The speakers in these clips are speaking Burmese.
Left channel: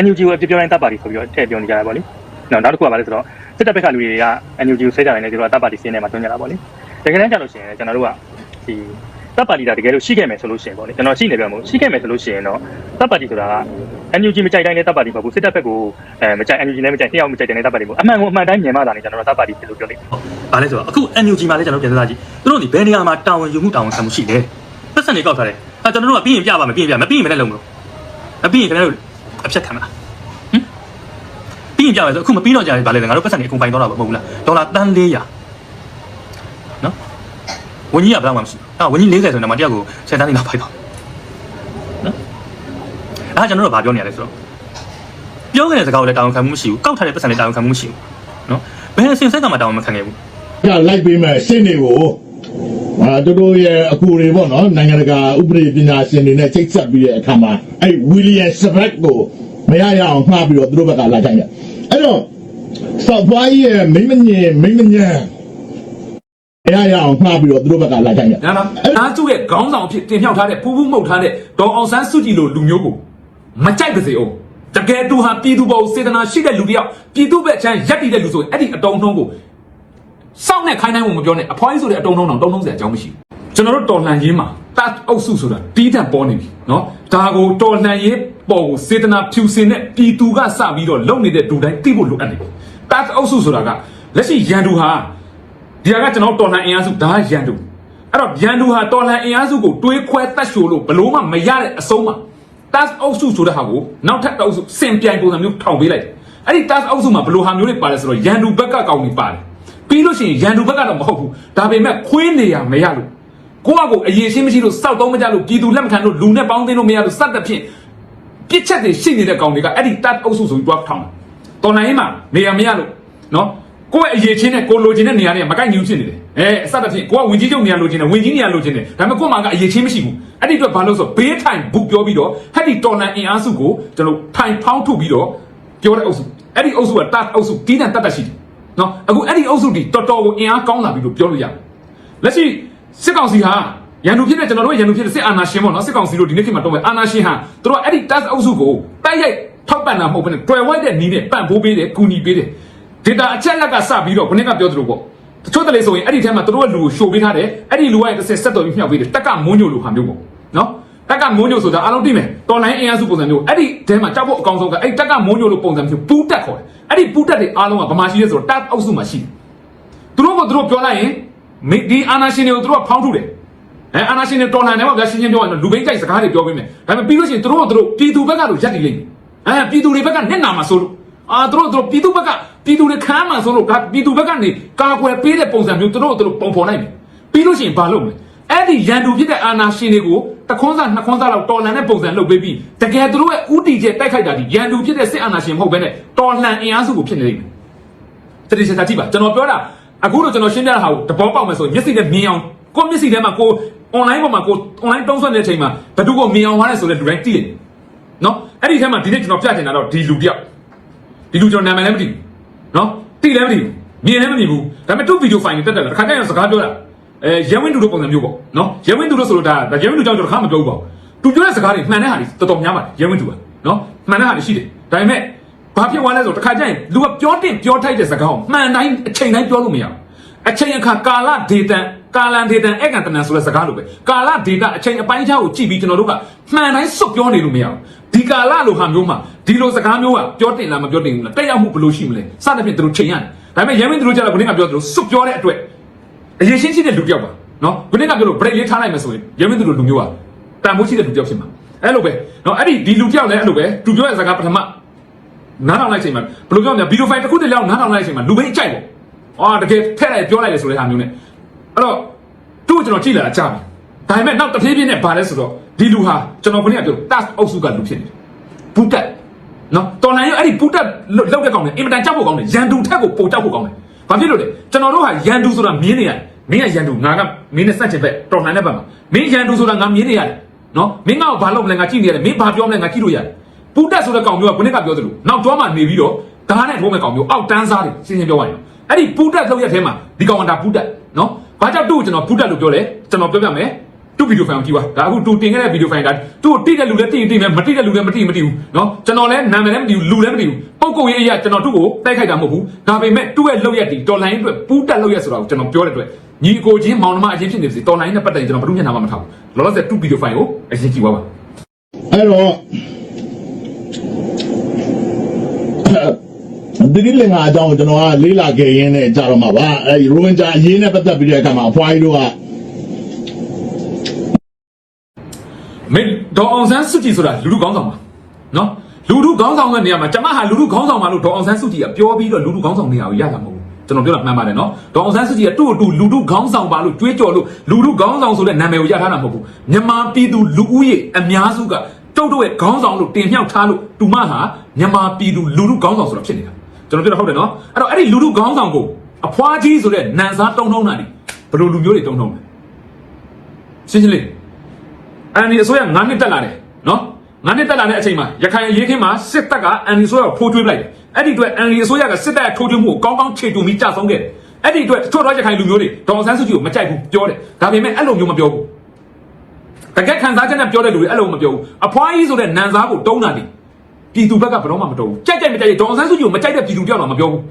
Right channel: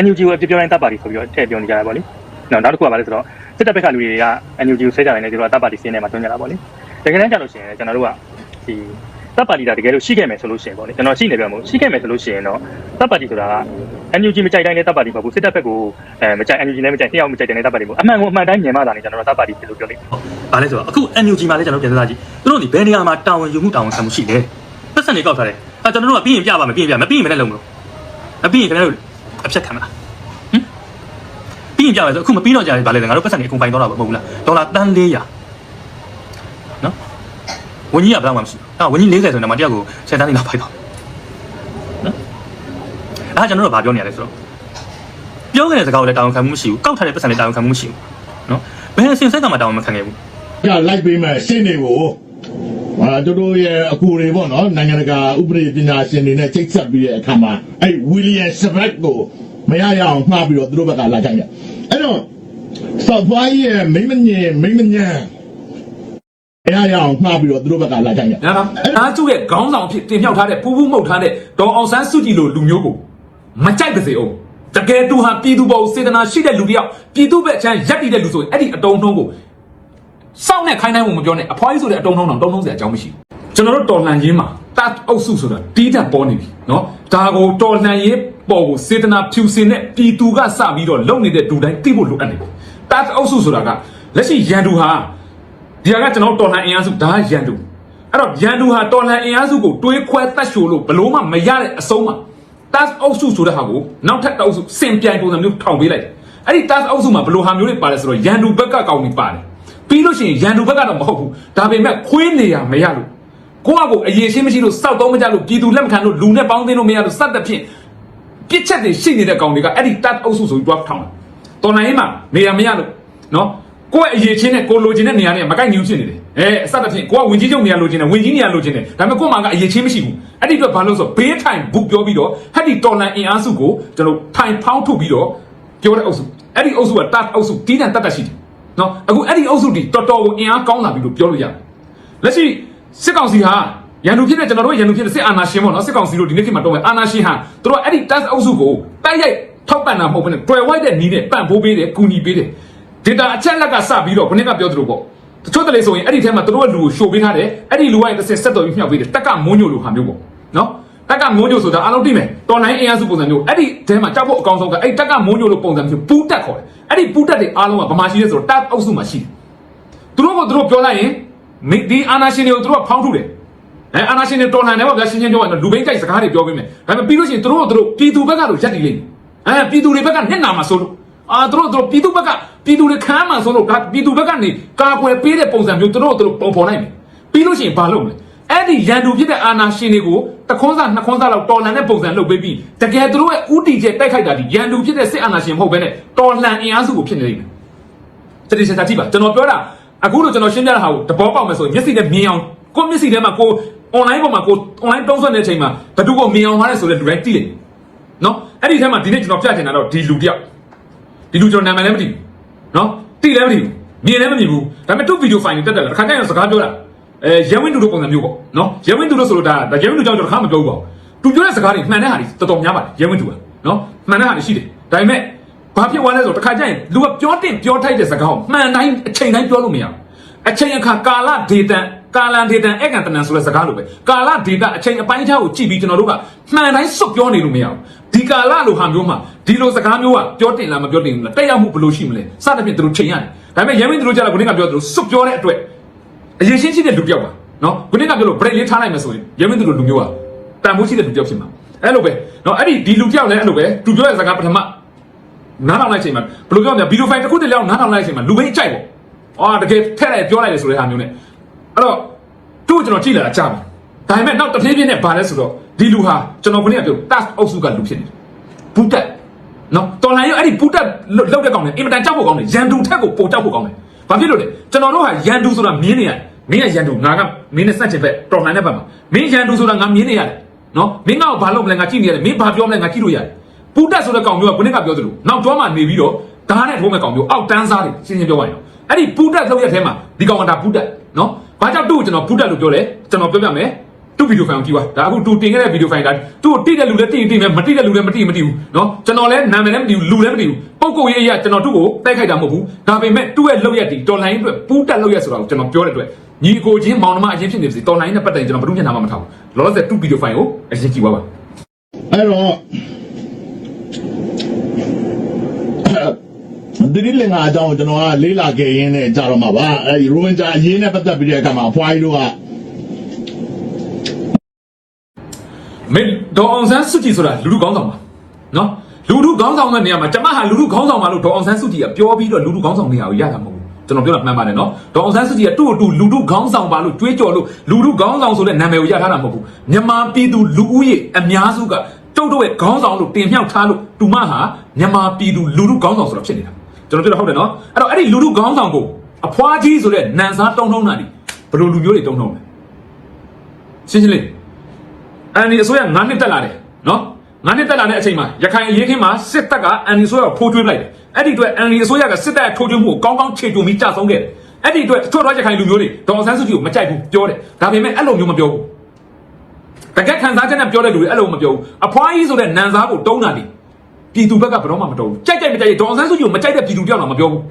NUG ကိုအပြစ်ပြောတိုင်းတပ်ပါတီဆိုပြီးတော့ထည့်ပြောနေကြတာပေါ့လေနော်နောက်တစ်ခုကဘာလဲဆိုတော့စစ်တပ်ဘက်ကလူတွေက NUG ကိုဆဲကြတယ်လေသူတို့ကတပ်ပါတီစင်းထဲမှာတွန်းကြတာပေါ့လေတကယ်တမ်းကျလို့ရှိရင်ကျွန်တော်တို့ကဒီတပ်ပါတီကတကယ်လို့ရှိခဲ့မယ်ဆိုလို့ရှိရင်ပေါ့လေကျွန်တော်ရှိနေတယ်မို့ရှိခဲ့မယ်ဆိုလို့ရှိရင်တော့တပ်ပါတီဆိုတာက NUG မကြိုက်တိုင်းနဲ့တပ်ပါတီပေါ့ကိုစစ်တပ်ဘက်ကိုအဲမကြိုက် NUG နဲ့မကြိုက်တယောက်မကြိုက်တဲ့တပ်ပါတီပေါ့အမှန်ကအမှန်တိုင်းမြန်မာသားနေကျွန်တော်တို့တပ်ပါတီလို့ပြောတယ်။ဘာလဲဆိုတော့အခု NUG မှာလည်းကျွန်တော်ပြန်စားကြည့်သူတို့ဒီဘယ်နေရာမှာတာဝန်ယူမှုတာဝန်ခံမှုရှိလဲ။ပတ်စံတွေကောက်ထားတယ်။အဲကျွန်တော်တို့ကပြီးရင်ပြပါမယ်ပြီးရင်ပြမပြီးရင်မလည်းလုံးမလို့။အပြီးရင်ခင်ဗျားတို့ အဖြတ်ခံမလား။ဟင်ပြီးရင်ပြမယ်ဆိုအခုမပြီးတော့ကြာပြီဗာလဲငါတို့ပတ်စံတွေအကုန်ပိုင်တော့တာမဟုတ်ဘူးလား။ဒေါ်လာတန်း400နော်။ဝန်ကြီးကဘယ်လောက်မှမရှိဘူး။ဟာဝန်ကြီး40ဆိုရင်တော့မတယောက်ကိုဆက်တန်းနေတော့ဖိုက်တော့။နော်။အဲကျွန်တော်တို့ကဘာပြောနေရလဲဆိုတော့ပြောခဲ့တဲ့စကားကိုလည်းတာဝန်ခံမှုမရှိဘူးကောက်ထားတဲ့ပတ်စံလည်းတာဝန်ခံမှုမရှိဘူးနော်ဘယ်အစဉ်ဆက်ကမှတာဝန်မခံခဲ့ဘူးကလိုက်ပြီးမဲ့စိတ်တွေကို အာတို့တို့ရဲ့အကူတွေပေါ့နော်နိုင်ငံတကာဥပဒေပညာရှင်တွေနဲ့ချိတ်ဆက်ပြီးတဲ့အခါမှာအဲ့ဝီလီယံစပက်ကိုမရရအောင်မှားပြီးတော့တို့ဘက်ကလာကြတယ်အဲ့တော့ဆော့ဖွားကြီးရဲ့မိမညင်မိမညံမရရအောင်မှားပြီးတော့တို့ဘက်ကလာကြတယ်နော်နော်အားကျတဲ့ခေါင်းဆောင်ဖြစ်တင်မြှောက်ထားတဲ့ပူးပူးမှုတ်ထားတဲ့ဒေါ်အောင်ဆန်းစုကြည်လိုလူမျိုးကိုမကြိုက်ပါစေအောင်တကယ်သူဟာပြည်သူပေါ်စေတနာရှိတဲ့လူတစ်ယောက်ပြည်သူဘက်ချမ်းရက်တည်တဲ့လူဆိုရင်အဲ့ဒီအတုံးနှုံးကို စောင့်နဲ့ခိုင်းတိုင်းကိုမပြောနဲ့အဖွားကြီးဆိုတဲ့အတုံးနှုံးတော့တုံးနှုံးစရာအကြောင်းမရှိဘူးကျွန်တော်တို့တော်လှန်ရေးမှာတတ်အုပ်စုဆိုတာတီးတန့်ပေါ်နေပြီနော်ဒါကိုတော်လှန်ရေးပေါ်ကိုစေတနာဖြူစင်တဲ့ပြည်သူကစပြီးတော့လုံနေတဲ့ဒူတိုင်းသိဖို့လိုအပ်တယ်တတ်အုပ်စုဆိုတာကလက်ရှိရန်သူဟာဒီကကျွန်တော်တော်လှန်အင်အားစုဒါကရန်သူအဲ့တော့ရန်သူဟာတော်လှန်အင်အားစုကိုတွေးခွဲတတ်ရှို့လို့ဘလို့မှမရတဲ့အဆုံးမှာ task အုပ်စုဆိုတဲ့ဟာကိုနောက်ထပ်တောက်စုစင်ပြိုင်ပုံစံမျိုးထောင်ပေးလိုက်အဲ့ဒီ task အုပ်စုမှာဘလို့ဟာမျိုးတွေပါတယ်ဆိုတော့ရန်သူဘက်ကကောင်းနေပါတယ် ပြီးလို့ရှိရင်ရန်သူဘက်ကတော့မဟုတ်ဘူးဒါပေမဲ့ခွေးနေရမရလို့ကိုယ့်အကူအရေးရှင်းမရှိလို့စောက်တော့မကြလို့ပြည်သူလက်မခံလို့လူနဲ့ပေါင်းသိလို့မရလို့စက်တဲ့ဖြင့်ပြစ်ချက်တွေရှိနေတဲ့ကောင်တွေကအဲ့ဒီ task အုပ်စုဆိုပြီးတော့ထောင်တော်လှန်ရေးမှာနေရမရလို့နော်ကိုယ့်ရဲ့အရေးချင်းနဲ့ကိုလိုချင်တဲ့နေရာတွေကမကိုက်ညီဘူးဖြစ်နေတယ်။အဲအစတစ်ဖြင့်ကိုကဝင်ကြီးချုပ်နေရာလိုချင်တယ်ဝင်ကြီးနေရာလိုချင်တယ်ဒါပေမဲ့ကို့မှာကအရေးချင်းမရှိဘူး။အဲ့ဒီအတွက်ဘာလို့ဆိုဘေးထိုင်ဘူးပြောပြီးတော့ဟက်ဒီတော်လန်အင်အားစုကိုကျွန်တော်ထိုင်ဖောင်းထုတ်ပြီးတော့ပြောတဲ့အုပ်စုအဲ့ဒီအုပ်စုကတတ်အုပ်စုတီးတန်တတ်တတ်ရှိတယ်။ နော်အခုအဲ့ဒီအုပ်စုဒီတော်တော်ကိုအင်အားကောင်းလာပြီလို့ပြောလို့ရတယ်။လက်ရှိစစ်ကောင်စီဟာရန်သူဖြစ်တဲ့ကျွန်တော်တို့ရန်သူဖြစ်တဲ့စစ်အာဏာရှင်ပေါ့နော်စစ်ကောင်စီတို့ဒီနေ့ခေတ်မှာတော့အာဏာရှင်ဟာတို့ကအဲ့ဒီ task အုပ်စုကိုတိုက်ရိုက်ထောက်ပံ့တာမဟုတ်ဘူးနဲ့တွယ်ဝိုက်တဲ့နီးတဲ့ပံ့ပိုးပေးတယ်ကူညီပေးတယ်ဒေတာအချက်လက်ကစပြီးတော့ခொနေ့ကပြောသလိုပေါ့တချို့တလေဆိုရင်အဲ့ဒီထဲမှာသူတို့ကလူကိုရှို့ပေးထားတယ်အဲ့ဒီလူကတစ်ဆက်ဆက်တော်ပြီးမြောက်ပေးတယ်တက်ကမွန်းညိုလိုဟာမျိုးပေါ့နော် တက်ကမွန်းညိုဆိုတာအားလုံးသိတယ်တော်လိုင်းအေးအစုပုံစံမျိုးအဲ့ဒီထဲမှာကြောက်ဖို့အကောင်းဆုံးကအဲ့တက်ကမွန်းညိုလိုပုံစံမျိုးပူးတက်ခေါ်တယ်အဲ့ဒီပူးတက်တွေအားလုံးကဗမာရှိရဲဆိုတော့တက်အောက်စုမှာရှိတယ်သူတို့ကသူတို့ပြောလိုက်ရင်ဒီအာနာရှင်တွေကိုသူတို့ကဖောင်းထုတယ်အဲအာနာရှင်တွေတော်လန်တယ်ပေါ့ဗျာရှင်းရှင်းပြောရရင်လူဘိန်းကြိုက်စကားတွေပြောပေးမယ်ဒါပေမဲ့ပြီးလို့ရှိရင်သူတို့ကသူတို့ပြည်သူဘက်ကတော့ရက်တည်လိမ့်မယ်အဲပြည်သူတွေဘက်ကညက်နာမှာဆိုလို့အာတို့တို့ပြည်သူဘက်ကပြည်သူတွေခမ်းမှဆိုလို့ဒါပြည်သူဘက်ကနေကာကွယ်ပေးတဲ့ပုံစံမျိုးတို့တို့ပုံဖော်နိုင်တယ်ပြီးလို့ရှိရင်ဘာလုပ်လဲ အဲ့ဒီရန်သူဖြစ်တဲ့အာနာရှင်တွေကိုတစ်ခွန်းစားနှစ်ခွန်းစားလောက်တော်လန်တဲ့ပုံစံလုပ်ပေးပြီးတကယ်တို့ရဲ့ဥတီကျတိုက်ခိုက်တာဒီရန်သူဖြစ်တဲ့စစ်အာနာရှင်မဟုတ်ဘဲနဲ့တော်လှန်အင်အားစုကိုဖြစ်နေတယ်တတိယတာကြည့်ပါကျွန်တော်ပြောတာအခုတော့ကျွန်တော်ရှင်းပြတာဟာကိုတဘောပေါက်မယ်ဆိုရင်မျက်စိနဲ့မြင်အောင်ကိုယ့်မျက်စိထဲမှာကို online ပေါ်မှာကို online တုံးဆွတဲ့အချိန်မှာဘယ်သူကိုမြင်အောင်ထားလဲဆိုတဲ့ direct တည်တယ်နော်အဲ့ဒီထဲမှာဒီနေ့ကျွန်တော်ပြတင်တာတော့ဒီလူတယောက်ဒီလူကျွန်တော်နာမည်လည်းမသိဘူးနော်တိလည်းမသိဘူးမြင်လည်းမမြင်ဘူးဒါပေမဲ့သူ့ဗီဒီယိုဖိုင်တွေတက်တယ်ခါကြရင်စကားပြောတာ အဲရဲဝင်းတူတို့ပုံစံမျိုးပေါ့နော်ရဲဝင်းတူတို့ဆိုတော့ဒါဒါရဲဝင်းတူကြောင့်ကျွန်တော်ခါမပြောဘူးပေါ့သူပြောတဲ့စကားတွေမှန်တဲ့ဟာတွေတော်တော်များပါတယ်ရဲဝင်းတူကနော်မှန်တဲ့ဟာတွေရှိတယ်ဒါပေမဲ့ဘာဖြစ်သွားလဲဆိုတော့တစ်ခါကျရင်လူကပြောတင်ပြောထိုက်တဲ့စကားကိုမှန်တိုင်းအချိန်တိုင်းပြောလို့မရဘူးအချိန်အခါကာလဒေတန်ကာလဒေတန်အကံတနန်ဆိုတဲ့စကားလိုပဲကာလဒေတန်အချိန်အပိုင်းခြားကိုကြည့်ပြီးကျွန်တော်တို့ကမှန်တိုင်းစွတ်ပြောနေလို့မရဘူးဒီကာလလိုဟာမျိုးမှာဒီလိုစကားမျိုးကပြောတင်လားမပြောတင်ဘူးလားတက်ရောက်မှုဘယ်လိုရှိမလဲစသဖြင့်သူတို့ချိန်ရတယ်ဒါပေမဲ့ရဲမင်းသူတို့ကြတော့ခုနကပြောသလိုစွတ်ပြောတဲ့အတွက် အရင်ရှင်းရှိတဲ့လူပြောက်ပါနော်ခုနကပြောလို့ break ရေးထားနိုင်မယ်ဆိုရင်ရဲမင်းသူတို့လူမျိုးကတာမှုရှိတဲ့လူပြောက်ဖြစ်မှာအဲ့လိုပဲနော်အဲ့ဒီဒီလူပြောက်လည်းအဲ့လိုပဲသူပြောတဲ့စကားပထမနားထောင်လိုက်ချိန်မှာဘယ်လိုပြောမလဲဗီဒီယိုဖိုင်တစ်ခုတည်းလောက်နားထောင်လိုက်ချိန်မှာလူပဲကြိုက်တယ်ဟာတကယ်ထက်လိုက်ပြောလိုက်တယ်ဆိုတဲ့အားမျိုးနဲ့အဲ့တော့သူ့ကိုကျွန်တော်ကြည့်လာတာကြားပြီဒါပေမဲ့တော့တဖြည်းဖြည်းနဲ့ဗာလဲဆိုတော့ဒီလူဟာကျွန်တော်ခုနကပြော task အုပ်စုကလူဖြစ်နေတယ်ဘူးတက်နော်တော်လိုင်းရအဲ့ဒီဘူးတက်လောက်တဲ့ကောင်နဲ့အင်မတန်ကြောက်ဖို့ကောင်းတယ်ရန်သူထက်ကိုပိုကြောက်ဖို့ကောင်းတယ်ဘာဖြစ်လို့လဲကျွန်တော်တို့ဟာရန်သူဆိုတာမြင်နေရတယ် မင်းကရန်သူငါကမင်းနဲ့စက်ချင်ပဲတော်လိုင်းတဲ့ဘက်မှာမင်းရန်သူဆိုတာငါမြင်နေရတယ်နော်မင်းကဘာလုပ်မလဲငါကြည့်နေရတယ်မင်းဘာပြောမလဲငါကြည့်လို့ရတယ်ဘူးတက်ဆိုတဲ့ကောင်မျိုးကခုနကပြောသလိုနောက်တော့မှနေပြီးတော့ဓာတ်နဲ့ဖုံးတဲ့ကောင်မျိုးအောက်တန်းစားတယ်ရှင်းရှင်းပြောရရင်အဲ့ဒီဘူးတက်လောက်ရက်ထဲမှာဒီကောင်ကဒါဘူးတက်နော်ဘာကြောင့်သူ့ကိုကျွန်တော်ဘူးတက်လို့ပြောလဲကျွန်တော်ပြောပြမယ် သူ့ဗီဒီယိုဖိုင်ကိုကြည့်ပါဒါအခုသူတင်ခဲ့တဲ့ဗီဒီယိုဖိုင်ဒါသူ့တိတဲ့လူလည်းတိတိနဲ့မတိတဲ့လူလည်းမတိမတိဘူးနော်ကျွန်တော်လည်းနာမည်လည်းမတိဘူးလူလည်းမတိဘူးပုံကုတ်ရေးအရာကျွန်တော်သူ့ကိုတိုက်ခိုက်တာမဟုတ်ဘူးဒါပေမဲ့သူ့ရဲ့လောက်ရက်တီတော်လိုင်းအတွက်ပူးတက်လောက်ရက်ဆိုတာကိုကျွန်တော်ပြောတဲ့အတွက်ညီကိုချင်းမောင်နှမအချင်းဖြစ်နေပြီတော်လိုင်းနဲ့ပတ်တယ်ကျွန်တော်ဘယ်သူမျက်နှာမှမထောက်ဘူးလောလောဆယ်သူ့ဗီဒီယိုဖိုင်ကိုအရင်ကြည့်ပါပါအဲ့တော့ဒီဒီလင်္ကာအကြောင်းကိုကျွန်တော်ကလေးလာခဲ့ရင်းနဲ့ကြာတော့မှာပါအဲဒီရိုဝင်ဂျာအရင်နဲ့ပတ်သက်ပြီးတဲ့အခါမှာအဖွားကြီးတို့က မင်းဒေါအောင်ဆန်းစုကြည်ဆိုတာလူလူကောင်းဆောင်ပါနော်လူလူကောင်းဆောင်တဲ့နေရာမှာကျွန်မဟာလူလူကောင်းဆောင်ပါလို့ဒေါအောင်ဆန်းစုကြည်ကပြောပြီးတော့လူလူကောင်းဆောင်နေရာကိုရတာမဟုတ်ဘူးကျွန်တော်ပြောတာမှန်ပါတယ်နော်ဒေါအောင်ဆန်းစုကြည်ကတူ့တူလူလူကောင်းဆောင်ပါလို့ကြွေးကြော်လို့လူလူကောင်းဆောင်ဆိုတဲ့နာမည်ကိုရထားတာမဟုတ်ဘူးမြန်မာပြည်သူလူဦးရေအများစုကတုတ်တော့ရဲ့ခေါင်းဆောင်လို့တင်မြှောက်ထားလို့တူမဟာမြန်မာပြည်သူလူလူကောင်းဆောင်ဆိုတော့ဖြစ်နေတာကျွန်တော်ပြောတာဟုတ်တယ်နော်အဲ့တော့အဲ့ဒီလူလူကောင်းဆောင်ကိုအဖွားကြီးဆိုတဲ့နန်စားတုံးထုံးတာနေဘယ်လိုလူမျိုးတွေတုံးထုံးလဲရှင်းရှင်းလေး အန်ဒီအစိုးရ9နှစ်တက်လာတယ်နော်9နှစ်တက်လာတဲ့အချိန်မှာရခိုင်ရေးခင်းမှာစစ်တပ်ကအန်ဒီအစိုးရကိုဖိုးထွေးလိုက်တယ်အဲ့ဒီအတွက်အန်ဒီအစိုးရကစစ်တပ်ထိုးထွင်းဖို့ကောင်းကောင်းခြေတုံပြီးကြာဆုံးခဲ့တယ်အဲ့ဒီအတွက်တချို့တော့ရခိုင်လူမျိုးတွေဒေါ်ဆန်းစုကြည်ကိုမကြိုက်ဘူးပြောတယ်ဒါပေမဲ့အဲ့လိုမျိုးမပြောဘူးတကယ်ခံစားချက်နဲ့ပြောတဲ့လူတွေအဲ့လိုမပြောဘူးအဖွားကြီးဆိုတဲ့နန်စားကိုတုံးတာဒီပြည်သူဘက်ကဘယ်တော့မှမတုံးဘူးကြိုက်တယ်မကြိုက်တယ်ဒေါ်ဆန်းစုကြည်ကိုမကြိုက်တဲ့ပြည်သူပြောတာမပြောဘူး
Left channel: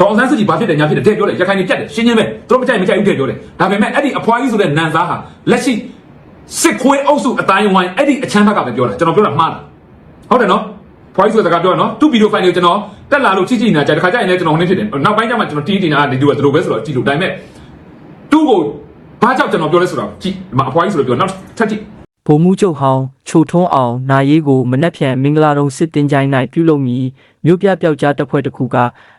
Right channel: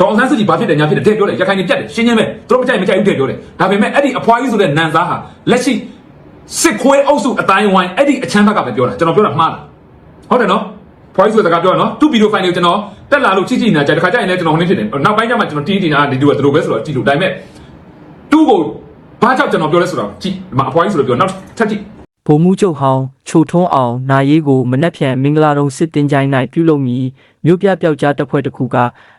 ဒေါအောင်ဆန်းစုကြည်ဘာဖြစ်တယ်ညာဖြစ်တယ်တဲ့ပြောတယ်ရခိုင်ကြီးတက်တယ်ရှင်းရှင်းပဲသူတို့မကြိုက်မကြိုက်ဘူးတဲ့ပြောတယ်ဒါပေမဲ့အဲ့ဒီအဖွားကြီးဆိုတဲ့နန်စားဟာလက်ရှိ စစ်ခွေးအုပ်စုအတိုင်းဝိုင်းအဲ့ဒီအချမ်းဘက်ကပဲပြောတာကျွန်တော်ပြောတာမှားတယ်ဟုတ်တယ်နော်ဖွားကြီးဆိုတဲ့ကပြောရနော်သူ့ဗီဒီယိုဖိုင်လေးကိုကျွန်တော်တက်လာလို့ကြည့်ကြည့်နေတာကြတခါကျရင်လည်းကျွန်တော်ဟိုနေ့ဖြစ်တယ်နောက်ပိုင်းကျမှကျွန်တော်တီးတင်တာဒီလိုသူတို့ပဲဆိုတော့ကြည့်လို့ဒါပေမဲ့သူ့ကိုဘာကြောင့်ကျွန်တော်ပြောလဲဆိုတော့ကြည့်ဒီမှာအဖွားကြီးဆိုတော့ပြောနောက်ထပ်ကြည့်ဗိုလ်မှူးချုပ်ဟောင်းချိုထွန်းအောင်နာရေးကိုမနှက်ဖြန်မင်္ဂလာတုံစစ်တင်ကြိုင်း၌ပြုလုပ်မည်မြို့ပြပျောက်ကြားတပ်ဖွဲ့တစ်ခုက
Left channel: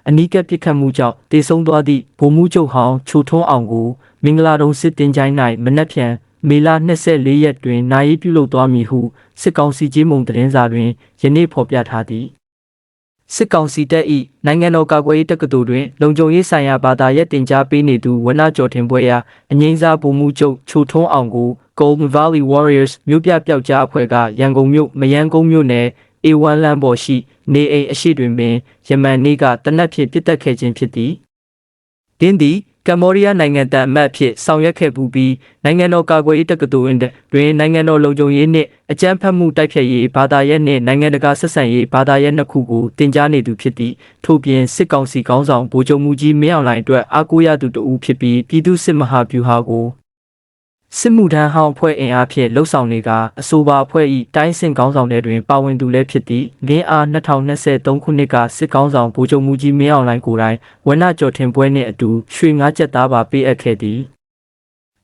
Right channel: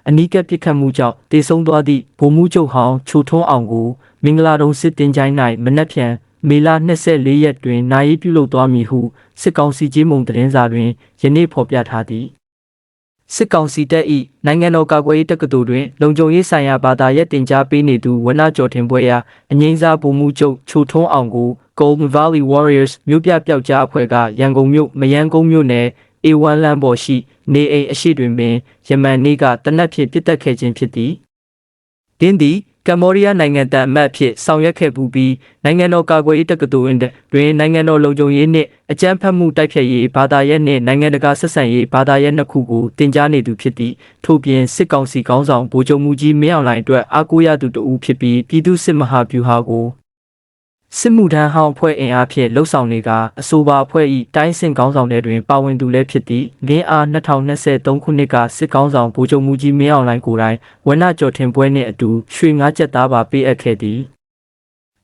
အနီးကပ်ပစ်ခတ်မှုကြောင့်တေဆုံးသွားသည့်ဗိုလ်မှူးချုပ်ဟောင်းချိုထွန်းအောင်ကိုမင်္ဂလာတုံစစ်တင်ကြိုင်း၌မနှက်ဖြန် မေလ24ရက်တွင်နာရေးပြုလုပ်သွားမည်ဟုစစ်ကောင်စီကြီးမုံသတင်းစာတွင်ယနေ့ဖော်ပြထားသည်စစ်ကောင်စီတပ်၏နိုင်ငံတော်ကာကွယ်ရေးတက္ကသိုလ်တွင်လုံခြုံရေးဆိုင်ရာဘာသာရပ်တင်ကြားပေးနေသူဝနကျော်ထင်ပွဲရာအငိမ့်စားဗိုလ်မှူးချုပ်ချိုထွန်းအောင်ကို Golden Valley Warriors မြို့ပြပျောက်ကြားအဖွဲ့ကရန်ကုန်မြို့မယန်းကုန်းမြို့နယ် A1 လမ်းပေါ်ရှိနေအိမ်အရှိတွင်ပင်ယမန်နေ့ကတနက်ဖြန်ပြစ်တက်ခဲ့ခြင်းဖြစ်သည်ဒင်းသည် ကမ္ဘောဒီးယားနိုင်ငံတန်အမတ်အဖြစ်ဆောင်ရွက်ခဲ့ပူပြီးနိုင်ငံတော်ကာကွယ်ရေးတက္ကသိုလ်တွင်နိုင်ငံတော်လုံခြုံရေးနှင့်အကြမ်းဖက်မှုတိုက်ဖျက်ရေးဘာသာရပ်နှင့်နိုင်ငံတကာဆက်ဆံရေးဘာသာရပ်နှစ်ခုကိုတင် जा နေသူဖြစ်သည့်ထို့ပြင်စစ်ကောင်စီခေါင်းဆောင်ဗိုလ်ချုပ်မူကြီးမင်းအောင်လှိုင်အတွက်အားကိုးရသူတဦးဖြစ်ပြီးပြည်သူ့စစ်မဟာဗျူဟာကို စစ်မှုထမ်းဟောင်းအဖွဲ့အင်အားဖြင့်လှုပ်ဆောင်နေကအဆိုပါအဖွဲ့၏တိုင်းစင်ကောင်းဆောင်တွေတွင်ပါဝင်သူလည်းဖြစ်သည့်လင်းအား2023ခုနှစ်ကစစ်ကောင်းဆောင်ဗိုလ်ချုပ်မူကြီးမင်းအောင်လှိုင်ကိုယ်တိုင်ဝနကျော်ထင်ပွဲနှင့်အတူရွှေငါးချက်သားပါပေးအပ်ခဲ့သည်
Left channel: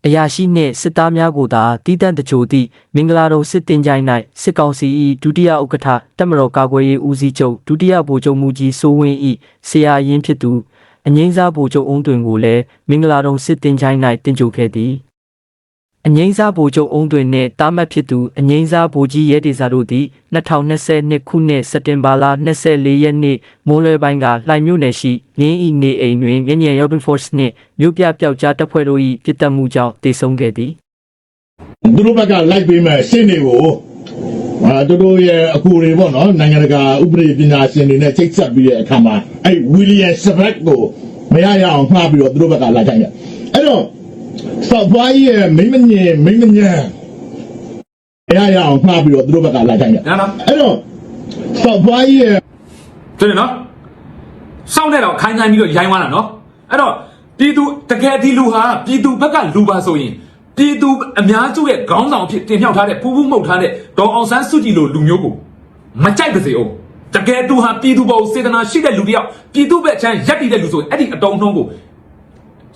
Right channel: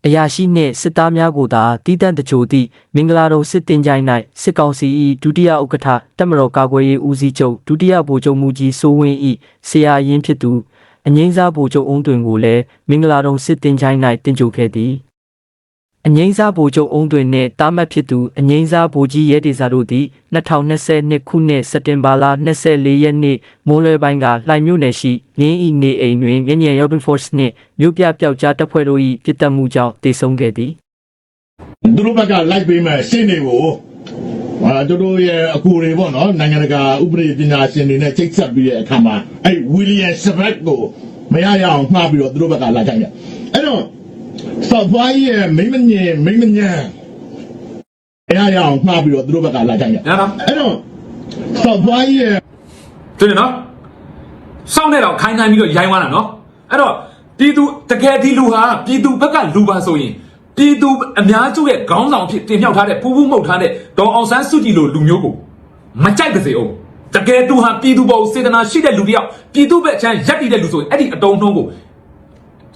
အရာရှိနှင့်စစ်သားများကိုသာတီးတန့်တကြိုသည့်မင်္ဂလာတော်စစ်တင်ကြိုင်း၌စစ်ကောင်စီ၏ဒုတိယဥက္ကဋ္ဌတပ်မတော်ကာကွယ်ရေးဦးစီးချုပ်ဒုတိယဗိုလ်ချုပ်မူကြီးစိုးဝင်း၏ဆရာရင်းဖြစ်သူအငိမ့်စားဗိုလ်ချုပ်အုံးတွင်ကိုလည်းမင်္ဂလာတော်စစ်တင်ကြိုင်း၌တင်ကြိုခဲ့သည် အငိမ့်စားဗိုလ်ချုပ်အုံးတွင်နှင့်တာမတ်ဖြစ်သူအငိမ့်စားဗိုလ်ကြီးရဲဒေစာတို့သည်2022ခုနှစ်စက်တင်ဘာလ24ရက်နေ့မိုးလွယ်ပိုင်းကလှိုင်မြို့နယ်ရှိငင်းဤနေအိမ်တွင်ငញ្ញံရောက် Force နှင့်မြို့ပြပျောက်ကြားတပ်ဖွဲ့တို့၏ပြစ်တက်မှုကြောင့်တေဆုံးခဲ့သည်သူတို့ဘက်ကလိုက်ပေးမဲ့ရှင်းတွေကိုအာတို့တို့ရဲ့အကူတွေပေါ့နော်နိုင်ငံတကာဥပဒေပညာရှင်တွေနဲ့ချိတ်ဆက်ပြီးတဲ့အခါမှာအဲ့ဝီလီယံရှက်ဘက်ကိုမရရအောင်ဖားပြီးတော့သူတို့ဘက်ကလိုက်ခိုင်းတယ်အဲ့တော့ ဆော့ဘွားရဲ့မိမညင်မိမညံမရရအောင်ဖားပြီးတော့သူတို့ဘက်ကလိုက်ခိုင်းတယ်ညာနော်အဲ့တော့ဆော့ဘွားရဲ့ဆိုရင်နော်စောင့်တဲ့တော့ခိုင်းခိုင်းပြီးတော့ရိုင်းသွားတာနော်အဲ့တော့ပြည်သူတကယ်ဒီလူဟာပြည်သူဘက်ကလူပါဆိုရင်ပြည်သူအများစုရဲ့ခေါင်းဆောင်အဖြစ်တင်မြှောက်ထားတဲ့ပူပူမှုတ်ထားတဲ့ဒေါ်အောင်ဆန်းစုကြည်လိုလူမျိုးကိုမကြိုက်ပါစေအောင်တကယ်သူဟာပြည်သူပေါ်စေတနာရှိတဲ့လူတစ်ယောက်ပြည်သူဘက်ချမ်းရက်တည်တဲ့လူဆိုရင်အဲ့ဒီအတုံးနှုံးကို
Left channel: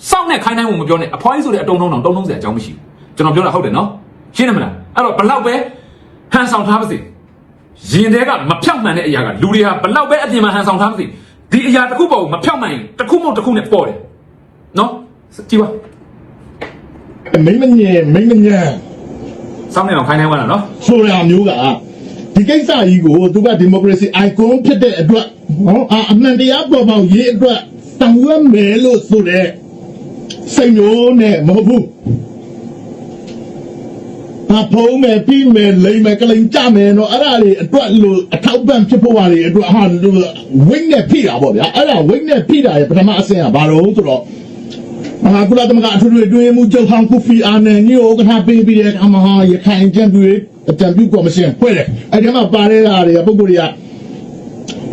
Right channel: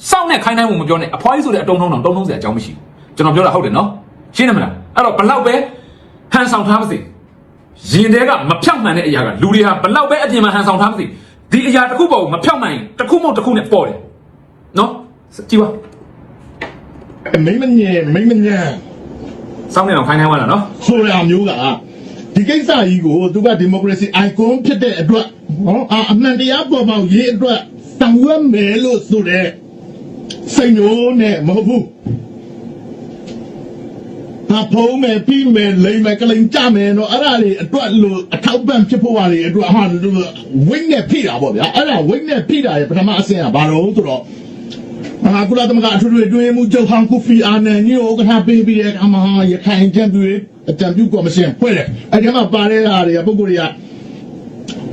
စောင့်နဲ့ခိုင်းတိုင်းဝင်မပြောနဲ့အဖွားကြီးဆိုတဲ့အတုံးနှုံးတော့တုံးနှုံးစရာအကြောင်းမရှိဘူးကျွန်တော်ပြောတာဟုတ်တယ်နော်ရှင်းတယ်မလားအဲ့တော့ဘလောက်ပဲဟန်ဆောင်ထားပါစေရင်ထဲကမဖြောက်မှန်တဲ့အရာကလူတွေကဘလောက်ပဲအပြင်မှာဟန်ဆောင်ထားမသိဒီအရာတစ်ခုပေါ်ကိုမဖြောက်မှန်ရင်တစ်ခုမဟုတ်တစ်ခုနဲ့ပေါ်တယ်နော်ကြည့်ပါမိမညင်မိမညံစောင်းနေတော့ခိုင်းခိုင်းသွားတာနော်ဆိုတာမျိုးကဒီကိစ္စကြီးကိုသူကဒီမိုကရေစီ icon ဖြစ်တဲ့အတွက်ဟောအာအမှန်တရားပေါ်ပေါက်ရေးအတွက်တန်ဝဲမယ်လို့ဆိုတဲ့ စိတ်မျိုးနဲ့မဟုတ်ဘူးဘာဖုံးမယ်ပြီးမယ်လိမ့်မယ်ကလိန်ကြမယ်နော်အဲ့ဒါတွေအတွက်လို့အထောက်ပံ့ဖြစ်ဖို့ပါလေအတွက်ဟာဝိတ်နဲ့ဖိတာပေါ့ဗျာအဲ့ဒါဝိတ်နဲ့ဖိတာရဲ့ပထမအဆင့်ကဘာလို့ဆိုတော့အခုလာသမကအထူးတွေတွေ့မှုချုပ်ဟောင်းကိုဖီအာနန်ညိုကထားပြီးပြီးတဲ့အခါမှာရခိုင်ကျန်းတွေအတံပြုကော်မရှင်ဖွဲ့တယ်အဲဒီမှာပါတဲ့ဟာတွေကပုံကိုယ်တွေက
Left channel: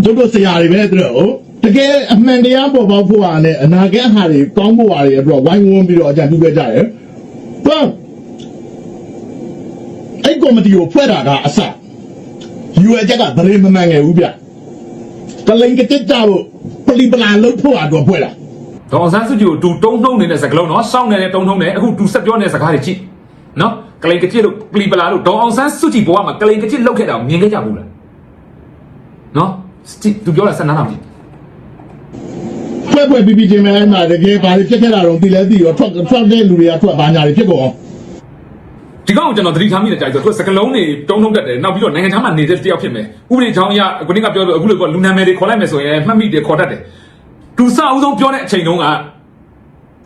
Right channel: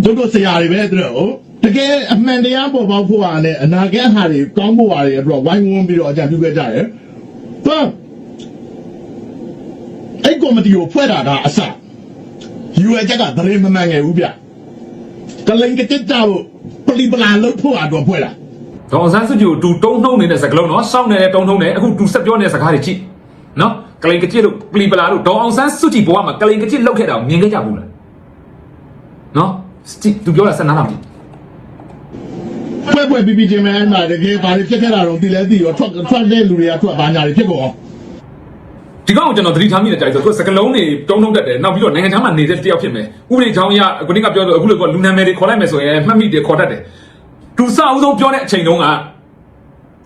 တို့တို့ဆရာတွေပဲသူတို့ တကယ်အမှန်တရားပေါ်ပေါက်ဖို့ဟာနဲ့အနာဂတ်ဟာတွေကောင်းဖို့ဟာတွေအတွက်ဝိုင်းဝန်းပြီးတော့အကြံပြုခဲ့ကြတယ်ဟုတ်အဲ့ကော်မတီကိုဖွဲ့တာကအစယူအချက်ကဗရေမမှန်ငယ်ဘူးဗျကလိန်ကတစ်တော့ပလီပလာလို့ဖို့အတွက်ဖွဲ့တာဒေါ်စန်းစုကြည်ကိုတူတုံးနှုံနေတဲ့စကားလုံးနော်စောင်းနေတဲ့တုံးနှုံနေအခုတူဆက်ပြောနေတဲ့စကားတွေကြည့်နော်ကလိန်ကကြစ်လို့ပလီပလာလို့ဒေါ်အောင်ဆန်းစုကြည်ဘဝမှာကလိန်ကကြစ်လောက်ခဲ့တာကိုမြင်ခဲ့ကြဘူးလားနော်စတီသူပြောတာစနားနာပြီ ဘယ်ဘယ်ပြီးပြီးချင်းမဲမှာတကယ်ဘာတွေဖြစ်ခဲ့တာတော့ဒီလဲဒီရောထွက်ထွက်တဲ့လူတွေကထွက်ဘာညာတွေဖြစ်ကုန်အောင်ဒီကောင်ကိုကျွန်တော်သတိထားမိတဲ့ကြိုက်ဆိုသူကစကလုံးတွေတုံးနှုံတက်တယ်နောက်ပြီးတော့နိုင်ငံခြားမှာနေတဲ့တယောက်ဖြစ်မယ်ဥပဒေချောင်းရအခုနေ့ကပြောဆိုအခုလည်းကလူနာမည်တွေခေါ်လိုက်မယ်ဆိုရင်မှတ်မိတယ်ခေါ်တတ်တယ်သူစအောင်ဆုံးပြောတဲ့အချိန်တုန်းက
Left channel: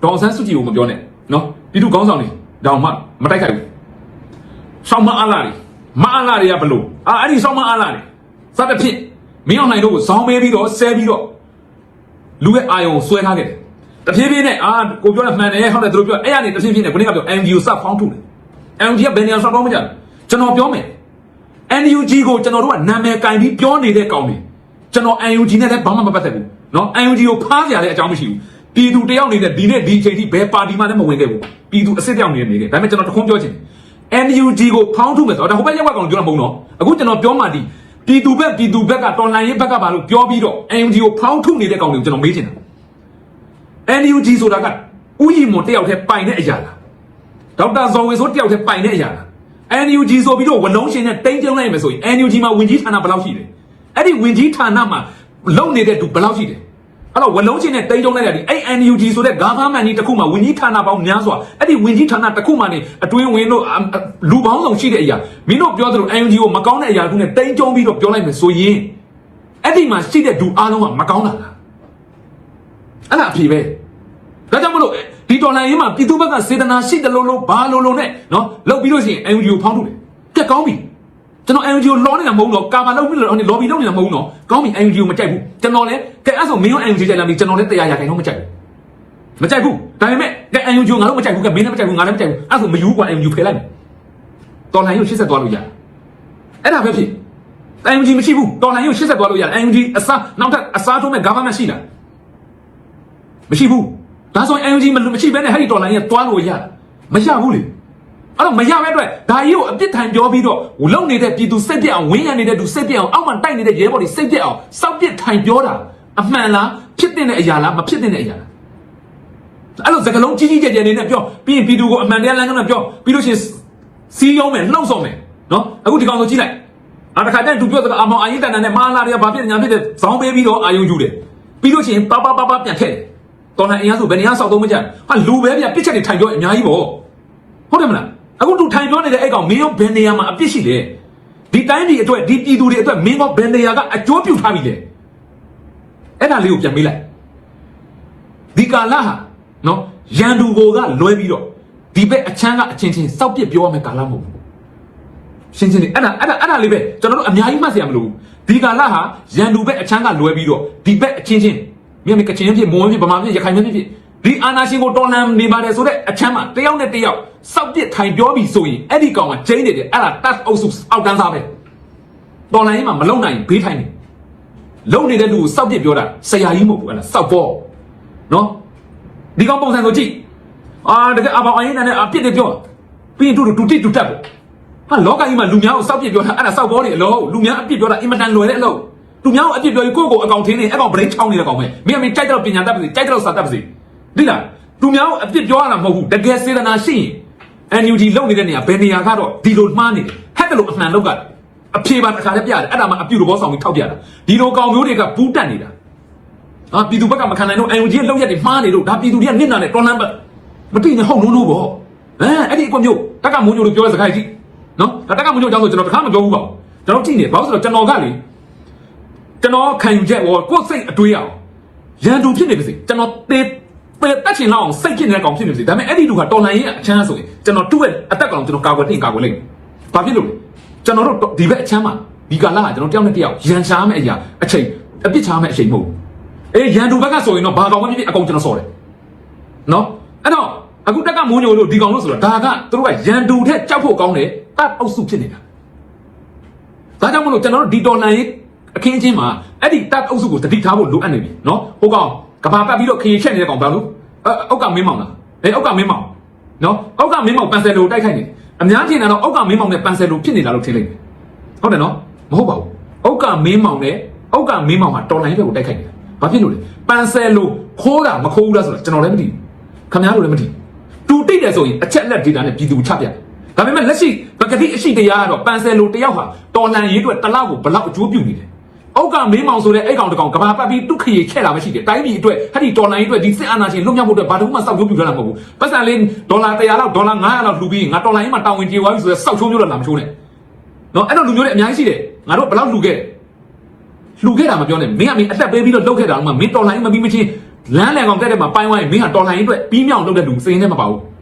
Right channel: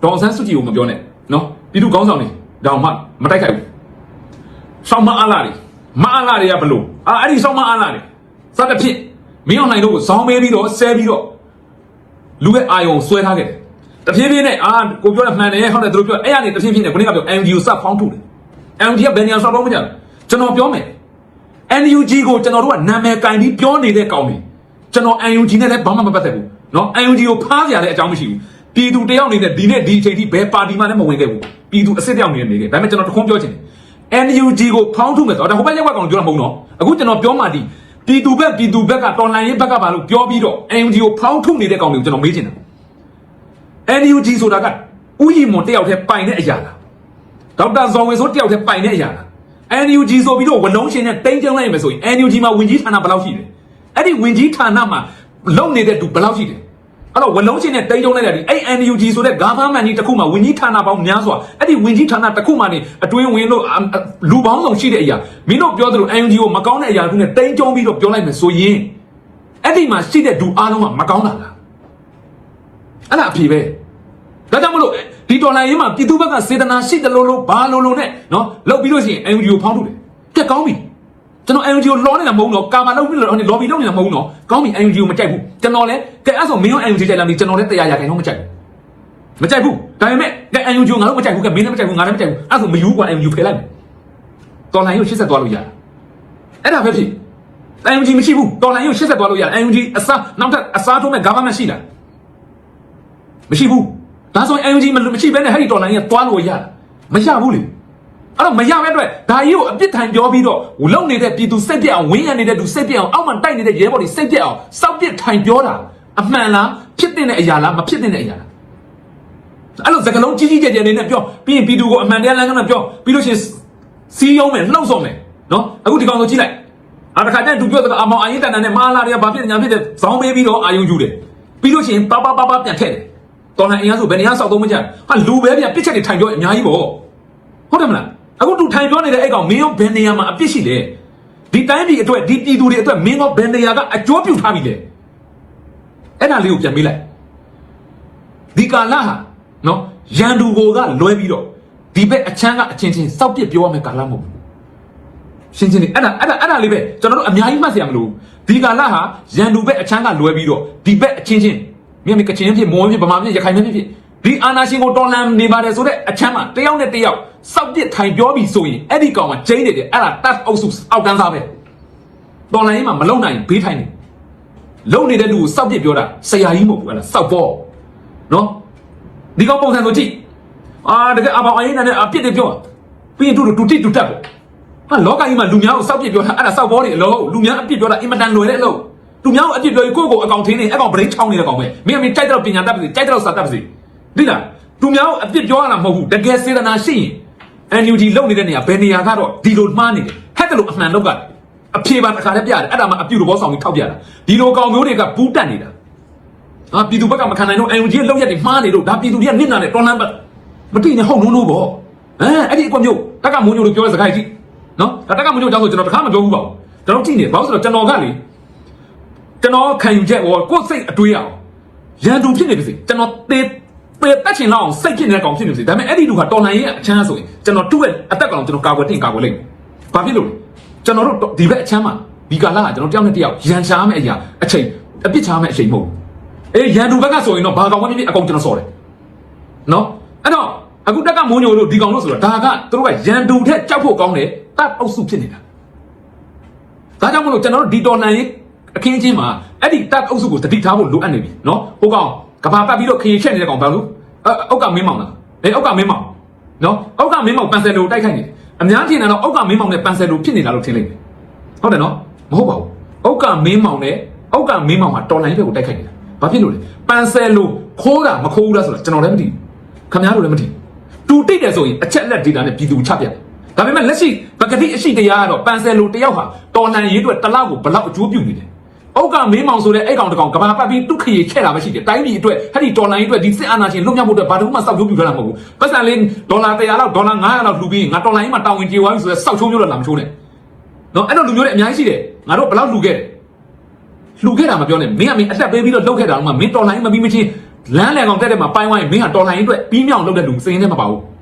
ဒေါ်အောင်ဆန်းစုကြည်ကိုမပြောနဲ့နော်ပြည်သူကောင်းဆောင်နေတောင်မှမတိုက်ခိုက်ဘူးဆောင်းမအားလာတယ်မအားလာတွေကဘလို့အာအဲ့ဒီဆောင်းမအားလာတယ်စသဖြင့်မင်းအောင်နိုင်တို့ကိုဇောင်းပေးပြီးတော့ဆဲပြီးတော့ လူရဲ့အာယုံကိုဆွဲထားခဲ့တယ်တဖြည်းဖြည်းနဲ့အာကိုပြောရမှန်တယ်ဟုတ်တယ်သူတို့ပြောအဲ့ရနေတဖြည်းဖြည်းနဲ့ကိုနေ့ကပြော NGO စဖောင်းထုတ်တယ် NGO ကဘယ်နေရာဆောက်တော့မကြကျွန်တော်ပြောမယ် NUG ကိုကျွန်တော်တို့ကနာမည်ကင်ပြီးပြောနေတဲ့ကောင်တွေကျွန်တော် NUG နဲ့လည်းဘာမှမပတ်သက်ဘူးเนาะ NUG ကိုဖားကြရတဲ့အကြောင်းမရှိဘူးပြည်သူတယောက်နေတဲ့ဒီနေ့ဒီအချိန်ထိဘယ်ပါတီမှလည်းမဝင်ခဲ့ဘူးပြည်သူအစ်စ်တယောက်နေနေခဲ့ဒါပေမဲ့ကျွန်တော်တခုံးပြောချင်တယ် NUG ကိုဖောင်းထုတ်မယ်ဆိုတော့ဒါဟိုဘက်ရက်ွက်ကောင်ပြောတာမဟုတ်တော့အခုကျွန်တော်ပြောမှဒီ ပြည်သူဘက်ပြည်သူဘက်ကတော်လိုင်းရေးဘက်ကပါလို့ပြောပြီးတော့ NUG ကိုဖောင်းထုတ်နေတဲ့ကောင်တွေကိုကျွန်တော်မေးချင်တယ် NUG ဆိုတာကဥယျာဉ်မွန်တယောက်တည်းပိုင်တဲ့အရာလားဒေါက်တာဇော်ဝေဆိုတယောက်တည်းပိုင်တဲ့အရာလား NUG ဆိုပြီးတော့ဝလုံးရှင်နဲ့တိန်းကျုံလိုက်မယ်ဆိုရင် NUG မှာဝင်ကြီးဌာနဘယ်လောက်ရှိလဲအဲ့ဒီဝင်ကြီးဌာနမှာလုံနေတဲ့သူဘယ်လောက်ရှိလဲ အဲ့တော့ဝလုံးရှင်နဲ့တိန်းကျုံလိုက်ရတယ်အဲ့ NUG ဆိုတဲ့ government ကြီးတစ်ခုမှာဝင်ကြီးဌာနပေါင်းများစွာအဲ့ဒီဝင်ကြီးဌာနတစ်ခုမှနေအတွင်းဝင်လို့အအလူပေါင်းဆောင်ရှိတဲ့အရာမင်းတို့ပြောသလို NUG ကိုမကောင်းတဲ့အရာတွေနဲ့တိန်းကျုံပြီးတော့ပြောလိုက်မယ်ဆိုရင်အဲ့ဒီမှာရှိတဲ့သူအားလုံးကမကောင်းတာလားအဲ့ဒါအဖြေပဲဒါကြောင့်မလို့ဒီတော်လိုင်းရေးမှာပြည်သူဘက်ကစေတနာရှိတယ်လို့လို့ဘာလို့လို့နဲ့နော်လောက်ပြီးလို့ရှိရင် NGO ကိုဖောင်းထုတ်တယ်ကက်ကောင်းပြီ ကျွန်တော် NGO လောနေတာမဟုတ်ဘူးနော်ကာမလောက်ပြီးလို့လော်ဘီလောက်နေတာမဟုတ်ဘူးနော်ကောင်းပြီ NGO ကိုမကြိုက်ဘူးကျွန်တော်လည်းကဲအဲ့ဆိုမင်းတို့ NGO ကြိုက်လာပြီကျွန်တော်လည်းတရားရခိုင်တော့မကြိုက်ဘူးမကြိုက်ဘူးဒါပေမဲ့ကဲ NGO ငါတို့မကြိုက်ဘူးကဲမင်းလည်းမကြိုက်ဘူးငါလည်းမကြိုက်ဘူးအဲ့ဆိုမယူကွာ NGO ဖယ်လိုက်မယ်တော်လိုင်းကိုရှစ်ဆက်သွားလို့ရတယ်အဲ့ဒါပဲဖြစ် NGO မရှိဘူးတော်လိုင်းကိုရှစ်ဆက်သွားလို့ရ NGO အစားနောက်တဲ့အစားထိုးမဲ့ government ရှိလားမရှိဘူးဒါဆိုရင် NG မလို့မရှိဘဲနဲ့ဟဲ့ဒီတော်လိုင်းကတွားလို့ရမရဘူးလေ အဲ့တော့မရပဲအတွက်ဒါကြီးကိုအပြစ်ထိုင်ပြောပြီးတော့လုံနေတဲ့ပြည်သူစက်ပြက်အောင်ဝင်းရနေတဲ့သူစက်ပြက်အောင်အောက်မှာတိုက်နေတဲ့ရဲဘော်တွေစက်ပြက်အောင်စောက်ပြစ်ထိုင်ပြောတာအမှန်လားဖြစ်တဲ့အရာလားမဖြစ်တဲ့အရာလားအဲ့လိုစကလုံးကြီးကြီးကျယ်ကျယ်နေနဲ့ပြောပြီးရင်ပြည်သူကိုအမှန်တရားလမ်းကြောင်းနဲ့ပြောပြီးလို့ရှိရင်စီးရုံးမယ်လှုပ်ဆောင်မယ်နော်အခုဒီကောင်ကိုကြည့်လိုက်အာတခါတည်းသူပြောတော့အမောင်အရင်ကန်နဲ့မာလာတွေကဘာဖြစ်ညာဖြစ်တဲ့ဇောင်းပေးပြီးတော့အာယုံယူတယ်ပြီးလို့ရှိရင်ပါပါပါပါပြန်ထည့်တယ်တော်နိုင်အင်အားဆိုဘယ်နေရာဆောက်သုံးမကြဟာလူပဲပြန်ပစ်ချက်တွေထိုင်ပြောအများကြီးပေါ့ဟုတ်တယ်မလား အခုသူထိုင်ပြောနေတဲ့အဲ့ကောင်မင်းရောဘယ်နေရာမှာအပြစ်ရှိလဲဒီတိုင်းဒီအတွက်ဒီပြည်သူတွေအတွက်မင်းရောဘယ်နေရာကအကျိုးပြုထားပြီလဲအဲ့ဒါလေးကိုပြန်ပေးလိုက်ဒီကာလဟာနော်ရန်သူကိုကလွှဲပြီးတော့ဒီဘက်အချမ်းကအချင်းချင်းစောက်ပစ်ပြောရမယ်ကာလမဟုတ်ဘူးရှင်းရှင်းလေးအဲ့ဒါအဲ့ဒါအဲ့ဒါလေးပဲကျွန်တော်တို့အများကြီးမှတ်စရာမလိုဘူးဒီကာလဟာရန်သူဘက်အချမ်းကလွှဲပြီးတော့ဒီဘက်အချင်းချင်းမြန်မြန်ကချင်းဖြစ်မောင်ဖြစ်ဗမာဖြစ်ရခိုင်ဖြစ်ဖြစ် ဒီအာနာရှင်ကိုတော်လန်နေပါတယ်ဆိုတဲ့အချမ်းမှာတယောက်နဲ့တယောက်စောက်ပစ်ထိုင်ပြောပြီးဆိုရင်အဲ့ဒီကောင်ကကျင်းနေတယ်အဲ့ဒါတတ်အောက်စုအောက်ကန်းစားပဲတော်လန်ရင်မှာမလုံနိုင်ဘေးထိုင်နေလုံနေတဲ့လူကိုစောက်ပစ်ပြောတာဆရာကြီးမဟုတ်ဘူးအဲ့ဒါစောက်ပေါ်နော်ဒီကောင်ပုံစံကိုကြည့်အာတကယ်အပေါင်းအရင်နဲ့အပြစ်တွေပြောပြီးရင်တို့တူတိတူတက်ပေါ့ဟာလောကကြီးမှာလူများကိုစောက်ပစ်ပြောတာအဲ့ဒါစောက်ပေါ်နေအလုံးလူများအပြစ်ပြောတာအင်မတန်လွယ်တဲ့အလုံးသူများကိုအပြစ်ပြောရင်ကိုယ့်ကိုယ်အကောင်ထင်းနေအကောင်ဗရိတ်ချောင်းနေတဲ့ကောင်ပဲမိမင်းကြိုက်တော့ပညာတတ်ပါစေကြိုက်တော့စာတတ်ပါစေ ဒီလားသူများကိုအပြစ်ပြောရတာမဟုတ်ဘူးတကယ်စေတနာရှိရင် NUG လုံနေတဲ့နေရာဘယ်နေရာကတော့ဒီလိုမှားနေတယ်ဟဲ့တယ်လို့အမှန်လောက်ကအဖြေပါတစ်ခါလည်းပြရတယ်အဲ့ဒါမှအပြုတ်ဘောဆောင်ပြီးထောက်ပြတယ်ဒီလိုကောင်မျိုးတွေကဘူးတက်နေတာဟာပြည်သူဘက်ကမခံနိုင်တော့ NUG လုံရက်တွေမှားနေလို့ဒါပြည်သူတွေကနစ်နာနေတော်လန်ပတ်မသိနေဟုတ်လို့လို့ပေါ့အဲအဲ့ဒီအကွက်မျိုးတက်ကမွန်ညိုတို့ပြောတဲ့စကားကြီးနော်တက်ကမွန်ညိုတောင်းဆိုကျွန်တော်တစ်ခါမပြောဘူးပေါ့ကျွန်တော်ကြည့်နေဘာလို့ဆိုတော့ကျွန်တော်ကလေကျွန်တော်ခံယူချက်ဟောကိုယ်စိတ်အတွေးအောင်ရန်သူဖြစ်နေပြီစီကျွန်တော်တေး ပေတက်ချင်တော့စိတ်ဖြစ်နေတဲ့ကောင်ဖြစ်နေပြီဒါပေမဲ့အဲ့ဒီလူကတော်နိုင်ရဲ့အချမ်းဆိုရင်ကျွန်တော်သူ့ရဲ့အသက်ကောင်ကျွန်တော်ကာကွယ်တင်ကာကွယ်လိမ့်မယ်ဘာဖြစ်လို့ကျွန်တော်တို့ဒီဘက်အချမ်းမှာဒီကာလကကျွန်တော်တယောက်နဲ့တယောက်ရန်ရှားမယ့်အရာအချိန်အပြစ်ချားမယ့်အချိန်မဟုတ်အေးရန်သူဘက်ကဆိုရင်တော့ဘာကောင်ကနေအကုန်ကျွန်တော်စော်တယ်နော်အခုတက်ကမိုးညိုလို့ဒီကောင်လို့ဆိုတော့ဒါကသူတို့ကရန်တူထက်ကြောက်ဖို့ကောင်းတယ်တပ်အုပ်စုဖြစ်နေတာဒါကြောင့်မလို့ကျွန်တော်တို့ဒီတော်လန်ရေးအခင်းချင်းမှာအဲ့ဒီတပ်အုပ်စုကိုတတိထားဖို့လိုအပ်နေပြီနော်ဟိုကောင်က ဘာပတ်ပြီးတော့ခေချက်နေတဲ့ကောင်ဘာလို့အောက်ကမင်းမောင်လားအေးအောက်ကမင်းမောင်နော်အောက်ကမင်းမောင်ပန်ဆယ်လိုတိုက်ခိုက်နေတယ်အများကြီးကတော့အောက်ကမင်းမောင်နဲ့ပန်ဆယ်လိုဖြစ်နေတာလို့ထင်လိုက်တယ်ဟုတ်တယ်နော်မဟုတ်ပါဘူးအောက်ကမင်းမောင်နဲ့အောက်ကမင်းမောင်မှာတော်လန်ရေးကိုတိုက်ခိုက်နေတာဘာဖြစ်လို့လဲပန်ဆယ်လိုခိုးတာမခိုးဘူးလားဆိုတာကျွန်တော်လည်းမသိဘူးခင်ဗျားတို့လည်းမသိဘူးတူတိတ်တယ်ဆိုရင်အချက်လက် data နဲ့ပြည်သူချပြတယ်ဒါပေမဲ့လက်ရှိပကတိအရှိတရားကတော့ပန်ဆယ်လိုတယောက်ဟာတော်လန်ရေးအတွက်တစ်လောက်ကိုဘလောက်အကျိုးပြုနေတယ်။ အောက်ကမင်းမောင်ဆိုတဲ့အဲ့ကောင်တကောင်ကဘာပတ်ပြီးဒုက္ခရေခဲ့လာမရှိတယ်။တိုင်းပြည်အတွက်အဲ့ဒီတော်လန်ရေးအတွက်ဒီစစ်အာဏာရှင်လုံရမှုအတွက်ဘာတစ်ခုမှစောက်ရုပ်ပြရမှာမဟုတ်ဘူး။ပတ်စံလေးဒေါ်လာ100လောက်ဒေါ်လာ900လောက်လှူပြီးငါတော်လန်ရေးမှာတာဝန်ကျေသွားပြီဆိုရင်စောက်ချုံးပြလို့လာမချိုးနဲ့။နော်အဲ့တော့လူမျိုးတွေအများကြီးရှိတယ်။ငါတို့ဘလောက်လှူခဲ့တယ်။လှူခဲ့တာမပြောနဲ့မင်းကမင်းအသက်ပေးပြီးတော့လှုပ်ခဲ့တာမှမင်းတော်လန်ရေးမပြီးမချင်းလမ်းလည်ကောင်တက်တဲ့မှာပိုင်းဝိုင်းမင်းကတော်လန်ရေးအတွက်ပြီးမြောက်လုပ်တဲ့လူစိန်နဲ့မပါဘူး။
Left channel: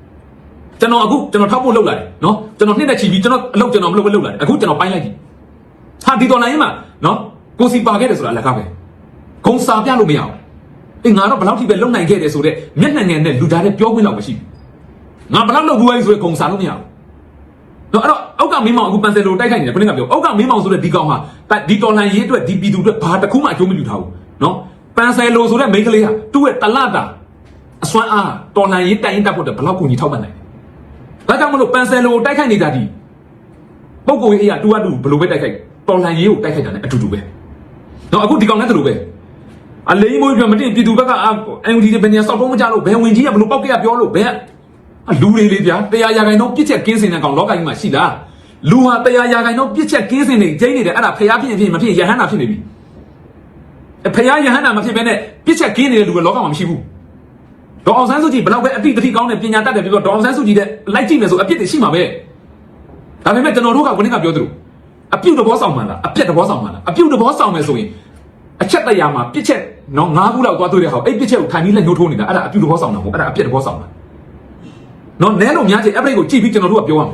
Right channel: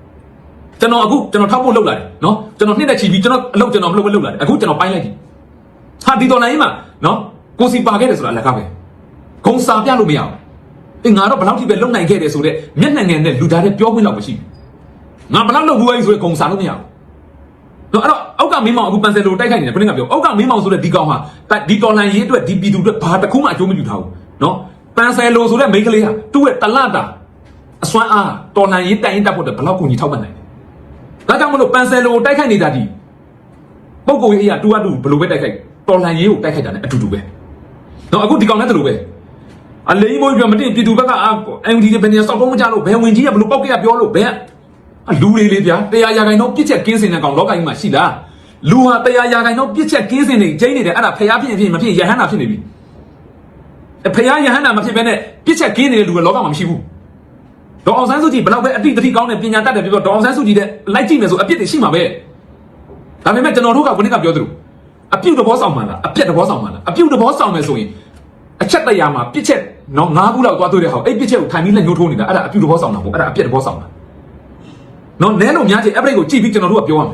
ကျွန်တော်အခုကျွန်တော်ထောက်ဖို့လုပ်လာတယ်နော်ကျွန်တော်နှစ်နဲ့ချီပြီးကျွန်တော်အလုပ်ကျွန်တော်ဘယ်လိုလုပ်လာတယ်အခုကျွန်တော်ပိုင်းလိုက်ပြီဟာဒီတော်လိုင်းမှာနော် ကိုစီပါခဲ့တယ်ဆိုတာလက်ကားပဲခုံစာပြလို့မရဘူးအေးငါတော့ဘယ်လောက်ထိပဲလုံနိုင်ခဲ့တယ်ဆိုတော့မျက်နှာငယ်နဲ့လူသားတွေပြောခွင့်လောက်မရှိဘူးငါဘယ်လောက်လုပ်ဘူးလဲဆိုရင်ခုံစာလို့မရဘူးတော့အဲ့တော့အောက်ကမင်းမောင်အခုပန်ဆယ်လိုတိုက်ခိုက်နေတယ်ပြင်းကပြောအောက်ကမင်းမောင်ဆိုတဲ့ဒီကောင်ဟာဒီတော်လိုင်းရေးအတွက်ဒီပြည်သူအတွက်ဘာတစ်ခုမှအကျိုးမပြုထားဘူးနော်ပန်ဆယ်လိုဆိုတဲ့မိန်းကလေးဟာသူ့ရဲ့တလတာအစွမ်းအားတော်လိုင်းရေးတိုင်ရင်တက်ဖို့အတွက်ဘယ်လောက်ကိုကြီးထောက်ပံ့နိုင်လဲဒါကြောင့်မလို့ပန်ဆယ်လိုကိုတိုက်ခိုက်နေတာဒီပုဂ္ဂိုလ်ကြီးအတူအတူဘယ်လိုပဲတိုက်ခိုက်တော်လန်ရေးကိုတိုက်ခိုက်တာလည်းအတူတူပဲ တော့အခုဒီကောင်လည်းတူပဲအလိမ့်မွေးပြမတင်ပြည်သူဘက်ကအာအန်ဒီတွေဘယ်နေရာစောက်တော့မကြလို့ဘယ်ဝင်ကြီးကဘယ်လိုပောက်ကရပြောလို့ဘယ်အလူလေးလေးဗျာတရားရာခိုင်တော့ပြစ်ချက်ကင်းစင်တဲ့ကောင်လောကကြီးမှာရှိလားလူဟာတရားရာခိုင်တော့ပြစ်ချက်ကင်းစင်နေဂျိန်းနေတယ်အဲ့ဒါဖျားဖြစ်ဖြစ်မဖြစ်ယဟန္တာဖြစ်နေပြီဖျားယဟန္တာမဖြစ်ဘဲနဲ့ပြစ်ချက်ကင်းနေတဲ့လူကလောကမှာမရှိဘူးဒေါအောင်ဆန်းစုကြည်ဘယ်တော့ပဲအပြစ်တတိကောင်းတဲ့ပညာတတ်တယ်ပြီးတော့ဒေါအောင်ဆန်းစုကြည်တဲ့လိုက်ကြည့်နေဆိုအပြစ်တွေရှိမှာပဲဒါပေမဲ့ကျွန်တော်တို့ကခုနကပြောသလို အပြုတ်တဘောဆောင်မှလားအပြစ်တဘောဆောင်မှလားအပြုတ်တဘောဆောင်မယ်ဆိုရင်အချက်တရာမှာပြစ်ချက်နော်ငါးခုလောက်သွားတွေ့တဲ့ဟောအဲ့ပြစ်ချက်ကိုခံပြီးလက်ညှိုးထိုးနေတာအဲ့ဒါအပြုတ်တဘောဆောင်တာဟုတ်အဲ့ဒါအပြစ်တဘောဆောင်တာနော်နဲတော့များချင် average ကိုကြည့်ပြီးကျွန်တော်တို့ကပြောရမယ်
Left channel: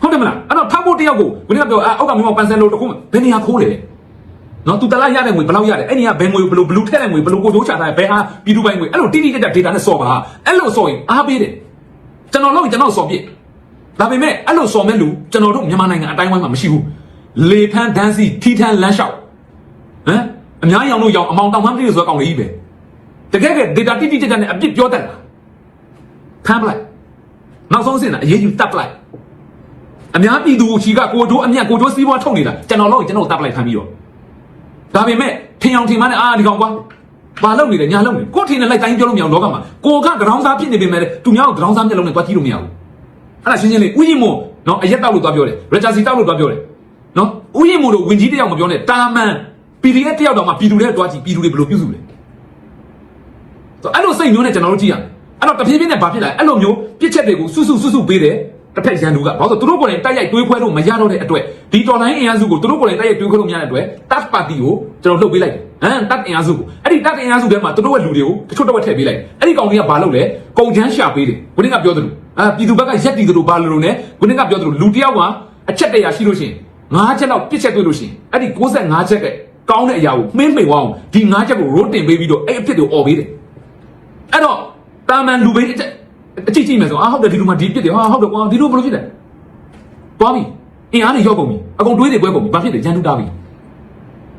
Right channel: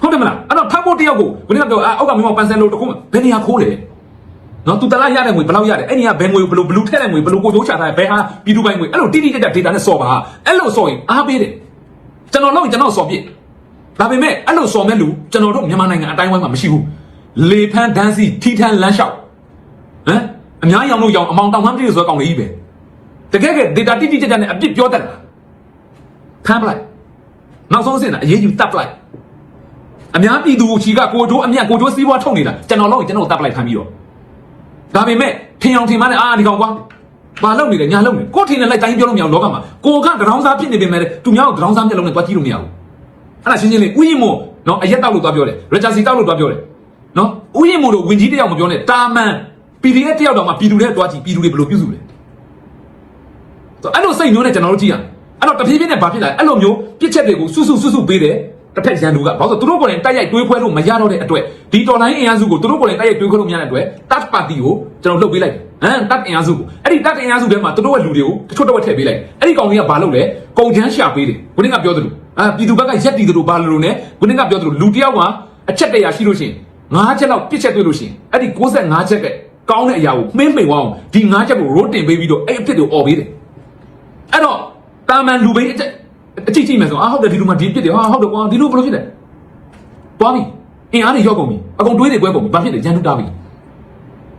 ဟုတ်တယ်မလားအဲ့တော့ထပ်ဖို့တယောက်ကိုခုနကပြောအဲအောက်ကမင်းပန်ဆန်လုံးတခုဘယ်နေရာခိုးတယ်နော်သူတလားရတဲ့ငွေဘယ်လောက်ရတယ်အဲ့ဒီကဘယ်ငွေဘယ်လိုဘယ်လိုထည့်တဲ့ငွေဘယ်လိုကိုကျိုးချတာဘယ်ဟာပြည်သူပိုင်းငွေအဲ့လိုတိတိကျကျ data နဲ့စော်ပါအဲ့လိုစော်ရင်အားပေးတယ်ကျွန်တော်လို့ကျွန်တော်စော်ပြစ် ဒါပေမဲ့အဲ့လိုစော်မဲ့လူကျွန်တော်တို့မြန်မာနိုင်ငံအတိုင်းဝိုင်းမှာမရှိဘူးလေထန်းဒန်းစီထိထန်းလမ်းလျှောက်ဟမ်အများရောင်လို့ရောင်အမောင်တောင်မှန်းပြည်ဆိုကောင်လေးပဲတကယ်က data တိတိကျကျနဲ့အပြစ်ပြောတတ်တယ်ဖမ်းပလိုက်နောက်ဆုံးအဆင့်ကအရေးကြီးတပ်ပလိုက်အများပြည်သူကိုချီကကိုတို့အမြတ်ကိုတို့စီးပွားထုတ်နေတာကျွန်တော်တို့ကျွန်တော်တပ်ပလိုက်ဖမ်းပြီးတော့ဒါပေမဲ့ထင်အောင်ထင်မှလည်းအာဒီကောင်ကွာဘာလုပ်နေလဲညာလုပ်နေကိုထင်တယ်လိုက်တိုင်းပြောလို့မရဘူးလောကမှာကိုကကရောင်းစားဖြစ်နေပေမဲ့သူများကကရောင်းစားမျက်လုံးနဲ့တွားကြည့်လို့မရဘူး အဲ့ဒါရှင်းရှင်းလေးဥယျာဉ်မို့နော်အရက်တောက်လို့တွားပြောတယ်ရချာစီတောက်လို့တွားပြောတယ်နော်ဥယျာဉ်မို့လို့ဝင်ကြီးတယောက်မပြောနဲ့တာမန် PDF တယောက်တော့မှပြည်သူတွေတွားကြည့်ပြည်သူတွေဘယ်လိုပြုစုလဲအဲ့လိုစိတ်မျိုးနဲ့ကျွန်တော်တို့ကြည့်ရမယ်အဲ့တော့တဖြည်းဖြည်းနဲ့ဘာဖြစ်လာလဲအဲ့လိုမျိုးပြစ်ချက်တွေကိုစွတ်စွတ်စွတ်စွတ်ပေးတယ်တစ်ဖက်ရန်သူကဘာလို့သူတို့ကိုယ်တိုင်တိုက်ရိုက်တွင်းခွဲလို့မရတော့တဲ့အတွက်ဒီတော်လိုင်းအင်အားစုကိုသူတို့ကိုယ်တိုင်တိုက်ရိုက်တွင်းခွဲလို့မရတဲ့အတွက်တပ်ပါတီကိုကျွန်တော်လုပ်ပေးလိုက်တယ်ဟမ်တပ်အင်အားစုအဲ့ဒီတပ်အင်အားစုထဲမှာသူတို့ရဲ့လူတွေကိုတချို့တော့ထည့်ပေးလိုက်အဲ့ဒီကောင်ကြီးကဘာလုပ်လဲကုန်ချမ်းရှာပေးတယ်ကိုတင်းကပြောတယ် အဲပြည်သူဘက်ကရက်တီတယ်လို့ဘာလို့လို့လဲကိုတင်းကပြောတယ်လူတယောက်မှာအချက်တရာရှိလို့ရှိရင်ငါးချက်လောက်ပြစ်ချက်တွေ့လို့ရှိရင်အဲ့ဒီ65ချက်ကကောင်းတဲ့အရာကိုမင်းမိန်အောင်ဒီ5ချက်ကိုရိုးတင်ပေးပြီးတော့အဲ့အဖြစ်ကိုអော်ပေးတယ်အဲ့တော့တာမန်လူပဲအချက်အကြည့်ကြည့်မယ်ဆိုအာဟုတ်တယ်ဒီလူမှဒီပြစ်တယ်ဟာဟုတ်တယ်ကွာဒီလူဘယ်လိုဖြစ်လဲသွားပြီအင်အားတွေရောက်ကုန်ပြီအကုန်တွေးတွေကွဲကုန်ပြီဘာဖြစ်လဲရန်တူတာပြီ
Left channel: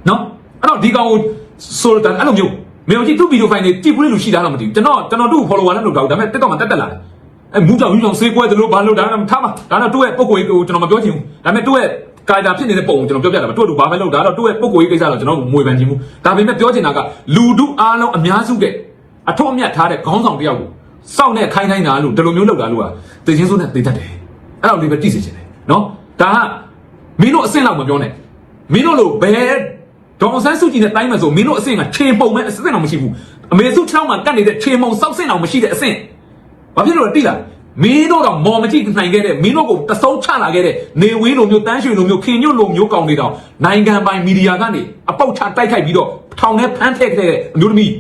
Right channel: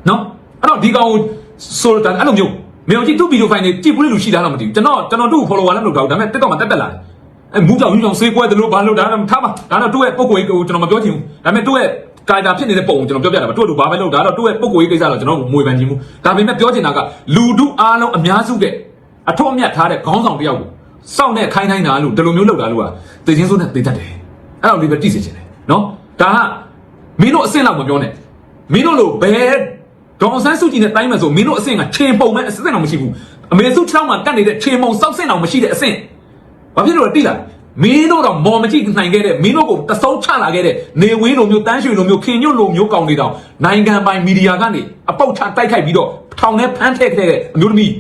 နော်အဲ့တော့ဒီကောင်ကိုဆိုတော့အဲ့လိုမျိုးမျိုးကြည့်သူ့ဗီဒီယိုဖိုင်တွေကြည့်ဘူးလေလူရှိတာတော့မသိဘူးကျွန်တော်ကျွန်တော်တို့ follower နဲ့လို့တော့ဒါပေမဲ့တက်တော့မတက်တက်လာတယ် အဲမူကြောင်မူကြောင်စေးကွဲတယ်လို့ဘာလို့ဒါမှထားမှာဒါတော့တို့ရဲ့ပုံကိုယ်ကိုကျွန်တော်မပြောချင်ဘူးဒါပေမဲ့တို့ရဲ့ကာတာဖြစ်နေတဲ့ပုံကိုကျွန်တော်ပြောပြတာပါတို့တို့ဘာပဲလုပ်ဒါတော့တို့ရဲ့ပုံကိုယ်ကိစ္စတော့ကျွန်တော်မွေခံချင်ဘူးဒါပေမဲ့ပြောချင်တာကလူဒုအားလုံးအများစုကအထောက်အမြတ်ထားတဲ့ခေါင်းဆောင်တယောက်ကိုစောင့်နဲ့ခိုင်းနိုင်တာလို့ဒီလိုမျိုးလုပ်တာလို့ကတကယ်ဆိုတဲ့တိတ်တတ်တယ်အဲ့တော့ဒီပဲတိစေချင်တယ်နော်ဒါကမင်းတို့အဆင့်လောက်မပြောနဲ့မင်းတို့လို့ဘယ်ဒေါ်အောင်ဆန်းစုကြည်နဲ့တိုင်းလို့ဆိုမင်းတို့အဆင့်ကခြေပုံမဲ့အဆင့်တော့မရှိဘူးအမေစုထရောင်းမှာကတ်နေတဲ့ခြေမုံစောက်ဆင့်အောင်မရှိတဲ့အဆင့် ဘာဖြစ်လို့လဲတိလားမင်းတို့တော့မော်မကြည့်နိုင်ခဲ့တဲ့မင်းတို့ကိုတစုံချလာခဲ့တဲ့နေဝင်းလိုမျိုးတန်းရွှေလိုမျိုးခင်ညွတ်လိုမျိုးကောင်းနေတော့နိုင်ငံပိုင်မီဒီယာကနေအပေါက်ချတိုက်ခိုက်ပြီးတော့ထောင်ထဲဖမ်းထည့်ခဲ့တဲ့အမျိုးသမီး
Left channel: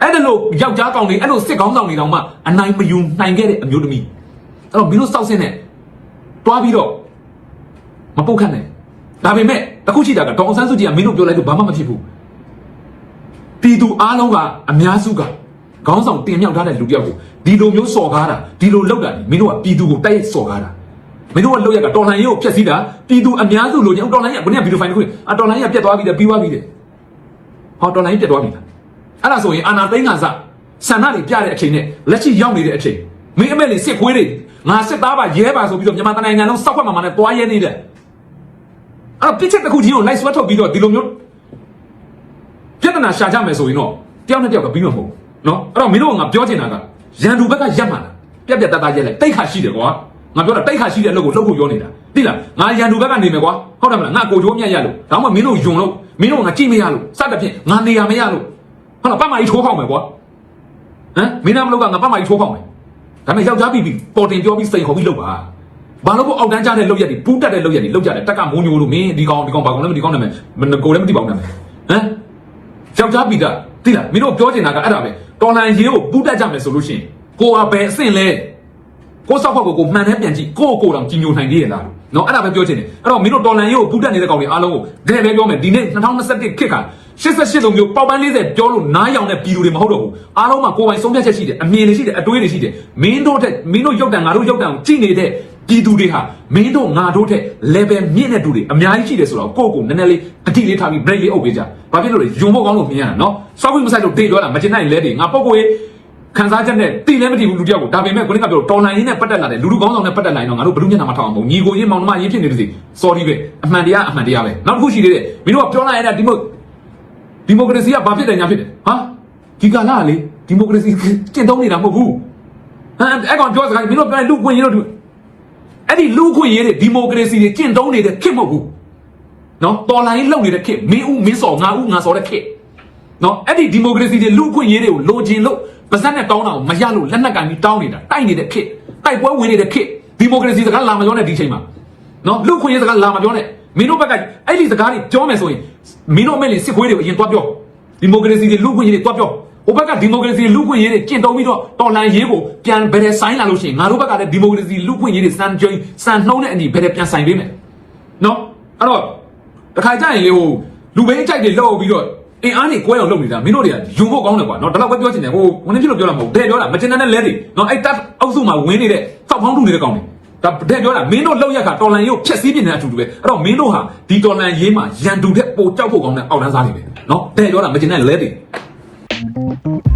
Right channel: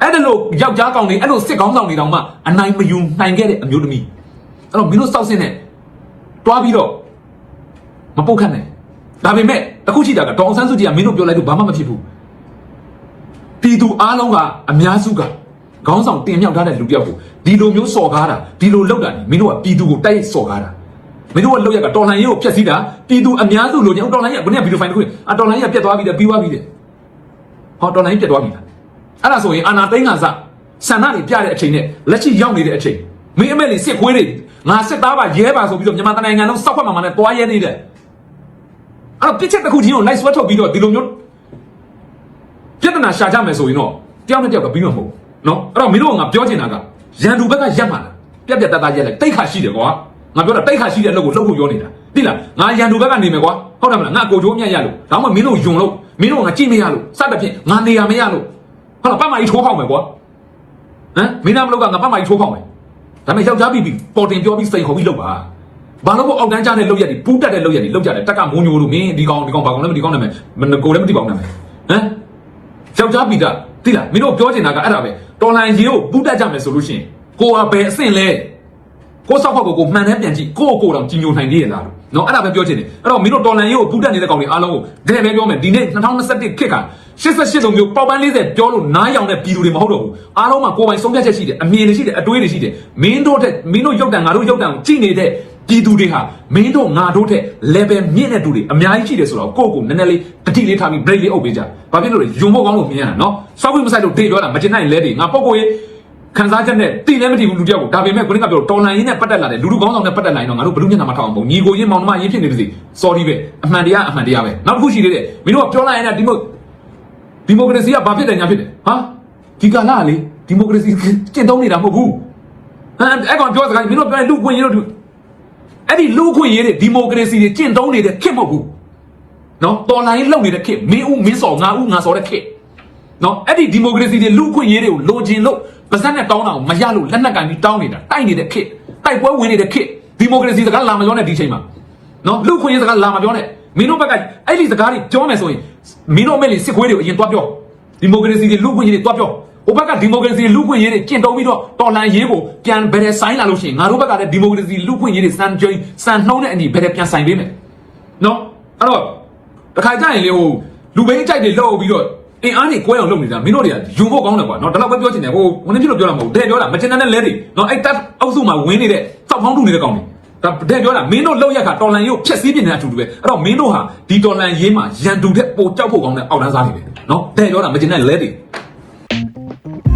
အဲ့ဒါလို့ယောက်ျားကောင်တွေအဲ့လိုစစ်ကောင်းဆောင်တွေတောင်မှအနိုင်မယူနိုင်ခဲ့တဲ့အမျိုးသမီးအဲ့တော့မင်းတို့စောက်စင်းနဲ့တွားပြီးတော့မပုတ်ခတ်နဲ့ဒါပေမဲ့တခုရှိတာကဒေါအောင်ဆန်းစုကြည်ကမင်းတို့ပြောလိုက်လို့ဘာမှမဖြစ်ဘူးတီသူအားလုံးကအများစုက ခေါင်းဆောင်တင်မြောက်ထားတဲ့လူတစ်ယောက်ကိုဒီလိုမျိုးစော်ကားတာဒီလိုလောက်တာမင်းတို့ကပြည်သူကိုတိုက်စော်ကားတာမင်းတို့ကလောက်ရကတော်လှန်ရေးကိုဖျက်ဆီးတာပြည်သူအများစုလိုချင်တော်လှန်ရေးကဘယ်နဲ့ဗီဒီယိုဖိုင်တစ်ခုအတော်လှန်ရေးကပြတ်သွားပြီလေပြီးသွားပြီလေဟောတော်လှန်ရေးပြတ်သွားပြီလားအဲ့ဒါဆိုရင်အာနာသိန်းကစားဆန္ဒတွေပြတဲ့အချိန်နဲ့လက်ရှိရောက်နေတဲ့အချိန်မင်းအမေလေးစစ်ခွေးတွေငါစစ်သားပါရဲပါဆိုပြီးတော့မြန်မာတိုင်းနိုင်ငံလုံးစောက်ခွက်မှမှနဲ့တွားရဲနေတယ်အဲ့တော့ပြစ်ချက်တစ်ခုချင်းကိုလိုက်ဆွဲထုတ်ပြီးတော့ဒီလိုမျိုးပြဿနာရှာကြမယ်ဆိုရင်တော့တယောက်နဲ့တယောက်ကပြီးမှာမဟုတ်ဘူး နော်အဲ့တော့မင်းတို့ကငါပြောချင်တာကရန်သူဘက်ကရက်မှာလားပြက်ပြက်တတ်တတ်ရက်လဲတိတ်ခါရှိတယ်ကွာငါပြောတာတိတ်ခါရှိတဲ့အလုပ်ကိုလှုပ်ဖို့ပြောနေတာသိလားငါရန်သူဘက်ကနေမယ်ကွာဟုတ်တယ်မလားငါကိုချိုးမြတ်ရလို့ဒါမှမဟုတ်မင်းတို့ယုံလို့မင်းတို့ငါကြည့်မရလို့စသဖြင့်ငါနေရမရလို့ဟုတ်လားပတ်မကြီးထိုးပေါက်မယ်ကွာဟမ်မင်းသားမလို့ကငါပတ်မကြီးထိုးပေါက်မယ်ဒါပေမဲ့ယောက်ျားပြီးပြီးပေါ်တင်ပြောပြီးစိန်ခေါ်ပြီးလုပ်ပါဘာလို့အောက်တန်းကြတဲ့လုပ်ရက်တွေပူးတက်တဲ့လုပ်ရက်တွေလုပ်ကြတယ်တက်ကမိုးမျိုးလို့မင်းဒီကောင်ဒီကောင်ဘာကောင်လဲမဒီကောင်နာမည်ကိုလည်းမသိပါဘူးနာမည်ဟမ်ယောက်ျားပီတာတိလားမင်းတို့ပြောချင်တာကအဲ့ဒါပဲ တော်လန်ကြီးကိုပူးတက်ကြမယ်ဆိုလို့ရှိရင်ကိုအပဲအဆင့်လဲကိုစောက်ဖောက်ကိုကိုမှန်တယ်ပြန်ကြည့်ကိုကိုတော့ကြီးညိုနိုင်နေရလားနော်အဲ့ဒါပဲပြောချင်တယ်အဲ့တော့မင်းတို့တော်လန်ကြီးကိုပူးတက်နေတဲ့ကောင်တွေအားလုံးကိုဒဲပဲပြောမယ်ဒီနေ့2021ခက်က88လုံးမျိုးပေါက်ပန်း40ပြောလို့နားရောင်တဲ့ပြည်သူတွေမဟုတ်တော့ဘူးအားလုံးမှာကိုယ်ပိုင်ဆုံးဖြတ်ချက်ရှိတယ်အမြင်တွေရှိတယ်အတွေးတွေရှိတယ်မင်းတို့တဲ့မင်းတို့ရုပ်တံငါတို့ရုပ်တံကိုကြည့်နေတဲ့ ပြည်သူတွေဟာမင်းတို့ငါတို့တဲ့ level မြင့်တဲ့သူတွေအများကြီးရှိတယ်ဆိုတော့ကိုယ့်ကိုနည်းနည်းလေးတတိလေးထားပြီး break လေးအုပ်ပေးကြ။ဘာဖြစ်လို့လဲယုံဖို့ကောင်းလို့မြင်ရတာနော်။စောက်ဝင်မဆိုင်လို့တိပြောတာမတင်နိုင်လဲနေငါပုတ်ကိုရေးခန်းစားချက်နဲ့တိလည်းမတိဘူးလူတယောက်ကိုဒါပေမဲ့ခုနကပြောတော်လန်ရင်းနဲ့ပတ်သက်လာတယ်လူလူကောင်းဆောင်နဲ့ပတ်သက်လာရင်တော့ငါတို့ဘယ်လိုမျက်နှာမထောက်အောင်ပေါ့ညီကိုရင်းမောင်နှမရင်းဖြစ်နေပါစေ။ sorry ပဲအမှန်တရားအမှန်တရားပဲ။နောက်တစ်ခုရှိသေးတယ်မင်းတို့ကပြောလိုက်ရင်လည်းဒီမိုဒီမိုကရေစီကဘာဖြစ်တယ်ညာဖြစ်တယ်။ဟာဒီကလာလေဒီမိုကရေစီကျင့်သုံးနေတာမဟုတ်ဘူး။အဲအဲ့ကောင်ပြောစကားမင်းတို့ပြောရင်လူခွင့်ရတော့ အဲ့ဒီလူခွင့်ရေးတဲ့ဒီမိုကရေစီတွေကျင့်သုံးနေတဲ့ခေတ်မဟုတ်ဘူးနော်တော်လိုင်းလောက်နေတဲ့ခေတ်မင်းဦးမင်းစော်ငါဦးငါစော်တဲ့ခေတ်နော်အဲ့ဒီဒီမိုကရေစီတွေလူခွင့်ရေးတွေကိုလိုချင်လို့ပါဇက်နဲ့တောင်းတာကိုမရလို့လက်နက်ကင်ပြီးတောင်းနေတာတိုက်နေတဲ့ခေတ်တိုက်ပွဲဝင်နေတဲ့ခေတ်ဒီမိုကရေစီစကားလာမပြောနဲ့ဒီချိန်မှာနော်လူခွင့်ရေးစကားလာမပြောနဲ့မင်းတို့ဘက်ကအဲ့ဒီစကားတွေပြောမယ်ဆိုရင်မင်းတို့အမေလေးစစ်ပွဲတွေကိုအရင်သွားပြောဒီမိုကရေစီတွေလူခွင့်ရေးတွေသွားပြော ဟိုဘက်ကဒီမိုကရေစီလူခွင့်ရေးတွေကျင့်သုံးပြီးတော့တော်လန်ရေးကိုပြန်ဘယ်နဲ့ဆိုင်လာလို့ရှိရင်ငါတို့ဘက်ကလည်းဒီမိုကရေစီလူခွင့်ရေးတွေစံကြိုးစံနှုံးတဲ့အညီဘယ်နဲ့ပြန်ဆိုင်ပေးမယ်နော်အဲ့တော့တခါကြရင်လေဟိုလူဘိန်းကြိုက်တွေလောက်ပြီးတော့အင်းအားနေကွဲအောင်လုပ်နေတာမင်းတို့တွေကယုံဖို့ကောင်းတယ်ကွာနော်ဒါတော့မပြောချင်တယ်ဟိုဝင်နေပြလို့ပြောတာမဟုတ်ဘူးတဲ့ပြောတာမကျင်တဲ့လဲတွေနော်အဲ့တက်အုပ်စုမှာဝင်နေတဲ့စောက်ဖောင်းတူနေတဲ့ကောင်တွေဒါတဲ့ပြောတာမင်းတို့လောက်ရခါတော်လန်ရေးကိုဖျက်ဆီးပြနေတဲ့အတူတူပဲအဲ့တော့မင်းတို့ဟာဒီတော်လန်ရေးမှာရန်တူတဲ့ပိုကြောက်ဖို့ကောင်းတဲ့အောက်တန်းစားနေတယ်နော်တဲ့ပြောတာမကျင်တဲ့လဲတွေ Mm-hmm.